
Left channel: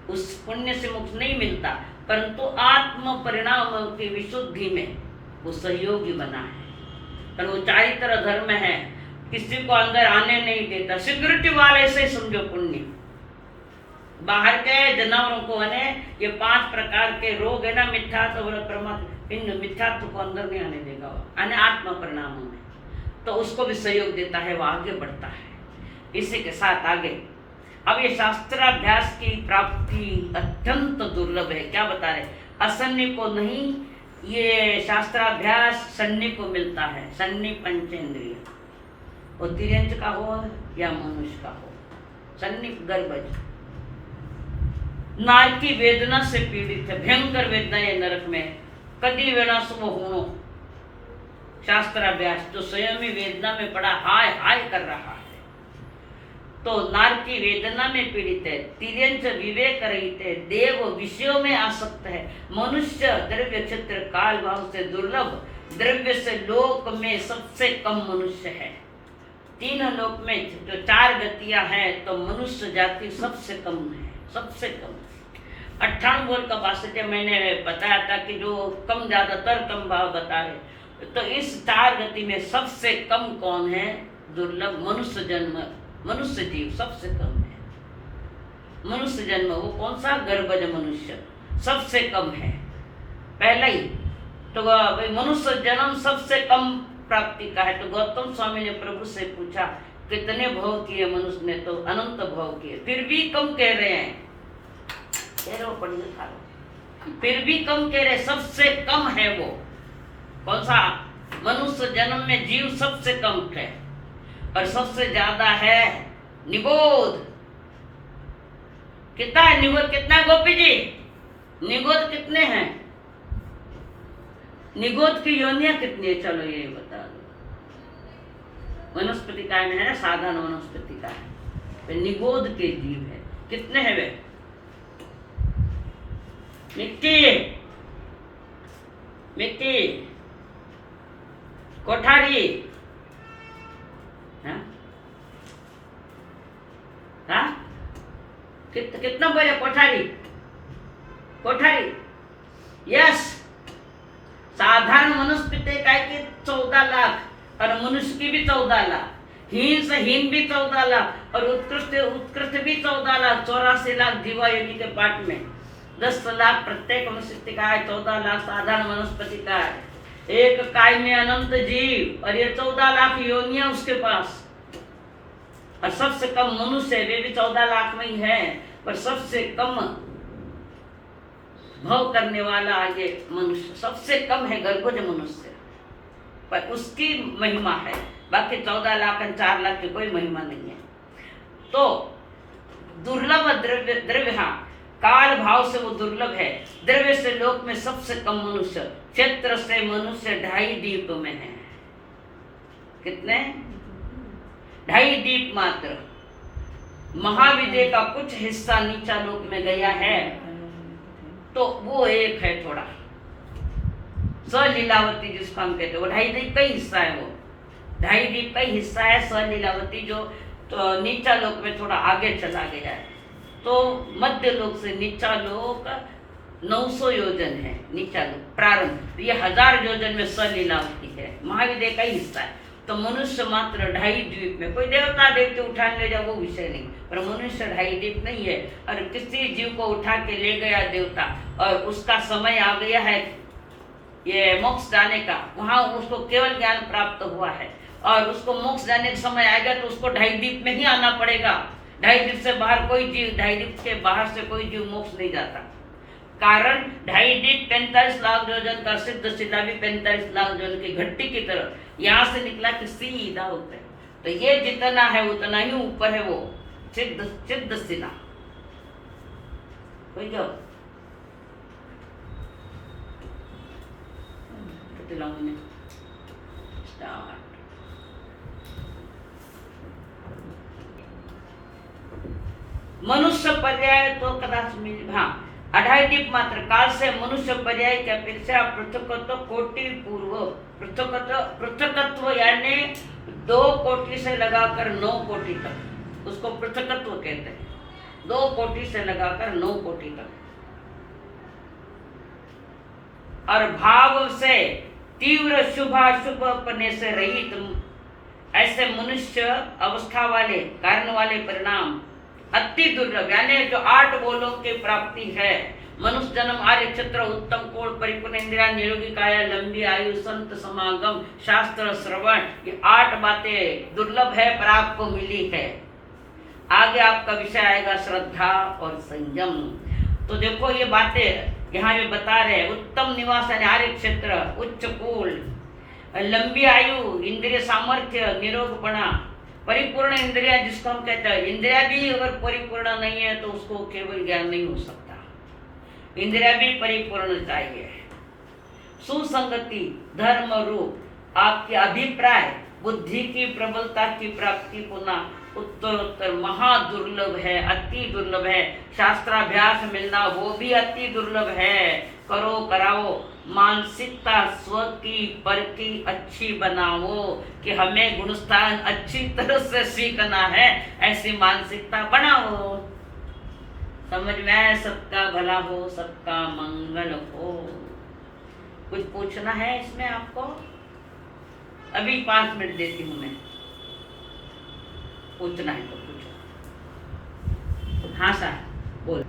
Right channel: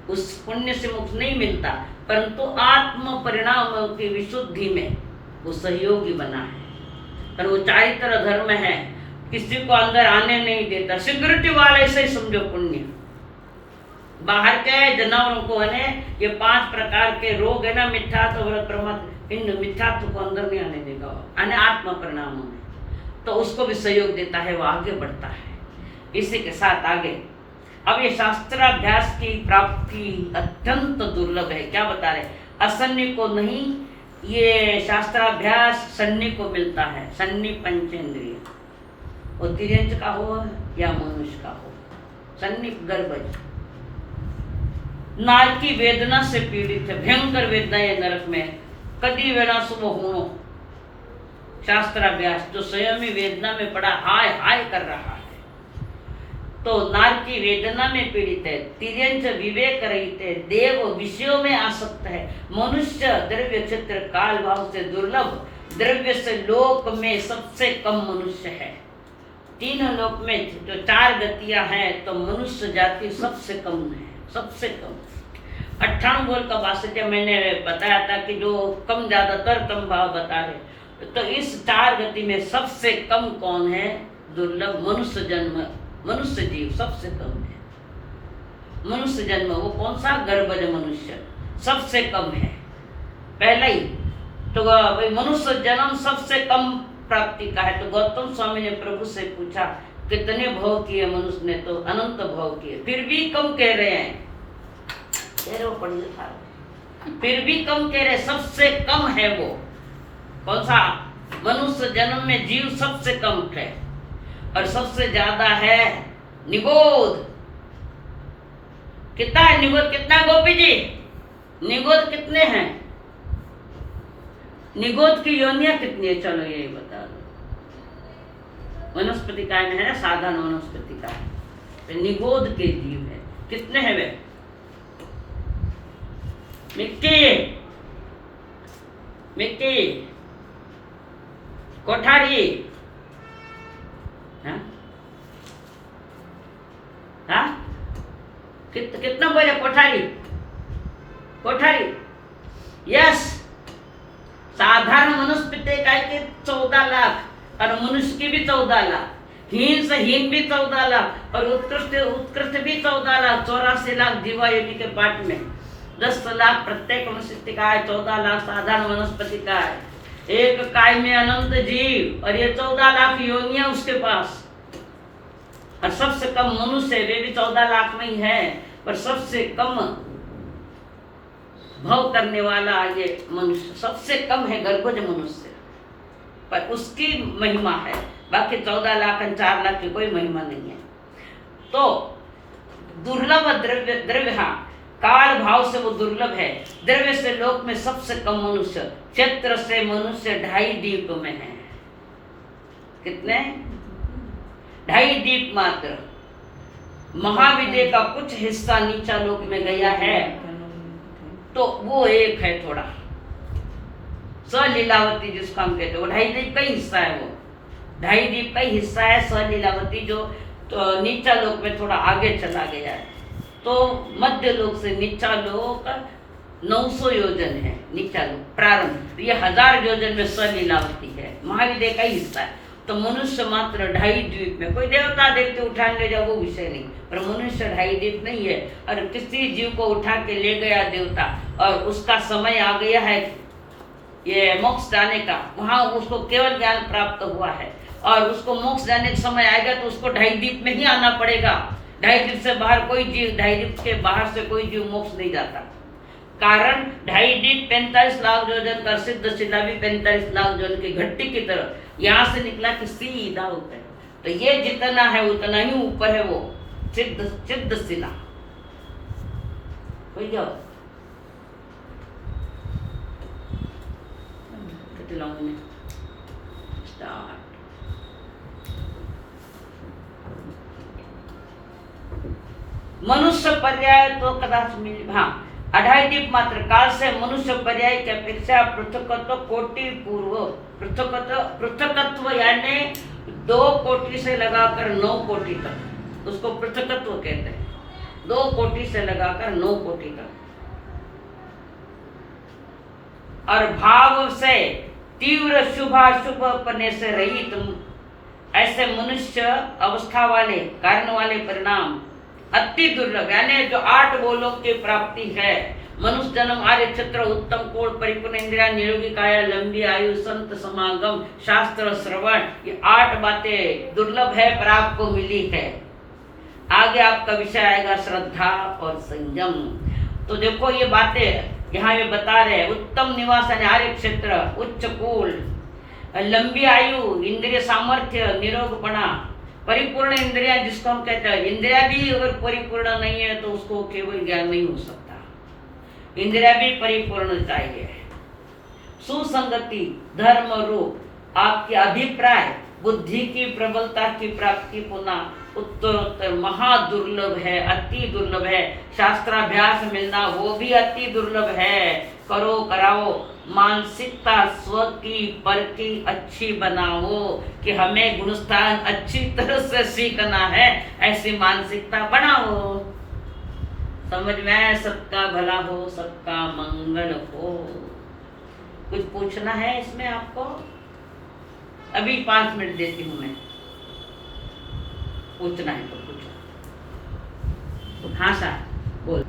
उस पुण्य से मुक्त नहीं मिलता, परंतु आत्म परिणाम की विशुद्धि में वो सहयोगी बना है। पर वो चारित्र धर्म है, किसी को अंदर आने नहीं देता, सिक्योरिटी वाले से समझो पुण्य। बाहर के जानवरों को है ये 5 प्रकार के रोग है ना, मिथ्यात्व और प्रमाद, इन मिथ्यात्व को अंदर नहीं आने देगा, यानी आत्म परिणाम में, तो उसको भी सहयोग देता है, वो आगे बढ़ता है। इसी के साथ आगे अब ये शास्त्राभ्यास की प्राप्ति अत्यंत दुर्लभ है। क्या बता रहे, असन्नी को नहीं, ये शास्त्राभ्यास सन्नी को मिलता है। सन्नी पंचेंद्रिय, वो तिर्यंच का हो या मनुष्य का हो, सन्नी गर्भज। नार की वेदना से पीड़ित है, भयंकर वेदना है नरक में, कदी वेणा सुबह होनो। शास्त्राभ्यास जो स्वयं ही वेदना में पड़ा हाय हाय कर रहा है, तो नार की वेदना में पीड़ित है। तिर्यंच विवेक रहित है, देव विषयों में आसक्त है, मनुष्य द्रव्य क्षेत्र काल भाव से दुर्लभ, द्रव्य से लोक में सबसे कम मनुष्य है। 3 लोक में जो 4 गतियां हैं, तो मनुष्य जाति सबसे कम है, सबसे कम। 98 बोल का वास्तव मैंने बताया था कि जो कम ज्यादातर कम भाव बता रहे, तो इस 4 गति में सबसे कम कौन है? दुर्लभ मनुष्य जन्म, मनुष्य जीव सबसे कम है। मनुष्य जन्म वो कौन सा? गर्भज मनुष्य सबसे कम है, पहला ही। तो भाई मनुष्य जन्म सबसे कम प्राप्ति का है। तो गौतम स्वामी ने प्रभु से पूछा कितने भव किए मनुष्य ने? तो अनंत भव किए, फिर भी कम कह रहे हैं। फिर भी कम कह रहे, सबसे कम है वो कौन सा? मनुष्य जन्म में जीव सबसे कम है, और सबसे ज्यादा है निगोद। कितना है निगोद? कितना गोपी जी? निगोद कितने हैं? निगोद की योनियां कितनी है? चलो ये बता दो। वनस्पति काय में है ना, साधारण वनस्पति का है, तो निगोद के जीव है। कितने हैं वे? मिक्की, मिक्की, कोठारी, हाँ, कितना बोले कोठारी? कोठारी, यस। साधारण मनुष्य पिते का के 14 लाख और मनुष्य की भी 14 लाख, हीन से हीन भी 14 लाख और उत्कृष्ट उत्कृष्ट भी 14 लाख, 84 लाख जीवा योनि के पाठ में, 10 लाख प्रत्येक मनुष्य का है, 14 लाख साधारण वनस्पति का है, एक काय में अनंत जीव और ये 14 लाख योनियां उसके पास। और सबसे कम मनुष्य, वे भी 14 लाख में ही है, पर सबसे कम भव करने वाला आगे मनुष्य सबसे कम है, गर्भज मनुष्य, पर उसकी महिमा है। बाकी 14 लाख और 4 लाख की कोई महिमा नहीं है। तो दुर्लभ द्रव्य, हाँ, काल भाव से वो दुर्लभ है। द्रव्य से लोक में सबसे कम मनुष्य, क्षेत्र से मनुष्य 2.5 दीप में है। कितने? 2.5 दीप मात्र। महाविद्या का कुछ हिस्सा नीचा लोक में गया है, तो वो एक है थोड़ा सलीलावती, जिसको हम कहते हैं, वो 2.5 दीप का ही हिस्सा है। वो 2.5 दीप का ही हिस्सा है सलीलावती, जो तो नीचा लोक में थोड़ा आगे चला गया है। तो मध्य लोक से नीचा लोक 900 योजन है, नीचा लोक प्रारंभ। तो ये 1000 योजन में सलीलावती है, महाविद्या का ही हिस्सा है। तो मनुष्य मात्र 2.5 द्वीप में, कोई देवता देवते उठा ले जाओ वो विषय नहीं, पर मनुष्य 2.5 द्वीप नहीं है। और किसी जीव को उठा के ले गया देवता और उसका समय आ गया है ये मोक्ष जाने का, वहां उसको केवल ज्ञान प्राप्त हुआ है और उसको मोक्ष जाने का समय आएगा तो उसको 2.5 द्वीप में ही आना पड़ेगा। 2.5 द्वीप से बाहर कोई जीव, 2.5 द्वीप के बाहर से कोई जीव मोक्ष नहीं जाता। कारण 2.5 द्वीप 45 लाख योजन कर, सिद्ध शिला भी 45 लाख योजन की घट्टी की तरह यहाँ से निकला कि सीधा होता है। तो ये जितना है उतना ही ऊपर है वो सिद्ध शिला। कोई जाओ मनुष्य पर्याय तो कदाच मिल, हाँ, 2.5 दीप मात्र काल से मनुष्य पर्याय की अपेक्षा पृथकत्व कोटि पूर्व, पृथकत्व यानी 2 कोटि से लगाकर 9 कोटि तक, उसको पृथकत्व कहते हैं। 2 कोटि से लगाकर 9 कोटि तक। और भाव से तीव्र शुभाशुभ पने से रहित ऐसे मनुष्य अवस्था वाले कारण वाले परिणाम अति दुर्लभ, यानी जो 8 बोलों की प्राप्ति है, मनुष्य जन्म, आर्य क्षेत्र, उत्तम कोण, परिपूर्ण इंद्रिया, निरोगी काया, लंबी आयु, संत समागम, शास्त्र श्रवण, ये 8 बातें दुर्लभ है पर आपको मिली है। आगे आपका विषय आएगा श्रद्धा और संयम। तो देखो ये बातें यहाँ ये बता रहे हैं, उत्तम निवास यानी आर्य क्षेत्र, उच्च कुल, लंबी आयु, इंद्रिय सामर्थ्य, निरोगपणा, परिपूर्ण इंद्रिया जिसको हम कहते हैं। इंद्रिया भी अगर परिपूर्ण नहीं है तो उसको केवल ज्ञान नहीं हो सकता, इंद्रिया भी परिपूर्ण चाहिए। सुसंगति, धर्म रूप, आपके अभिप्राय, बुद्धि की प्रबलता की प्राप्ति पुनः उत्तरोत्तर महादुर्लभ है, अति दुर्लभ है। शास्त्राभ्यास मिलना वो भी अति दुर्लभ है। करो कराओ, मानसिकता स्व की पर की अच्छी बनाओ कि हमें गुणस्थान अच्छी तरह से सीखना है, ऐसी मानसिकता बनाओ। समझ में आया? सबका भला हो, सबका मंगल हो। कुछ पूछना है इसमें आपको? अभी 5 मिनट देती हूँ मैं, पूछना है तो पूछो। हाँ सर बोल।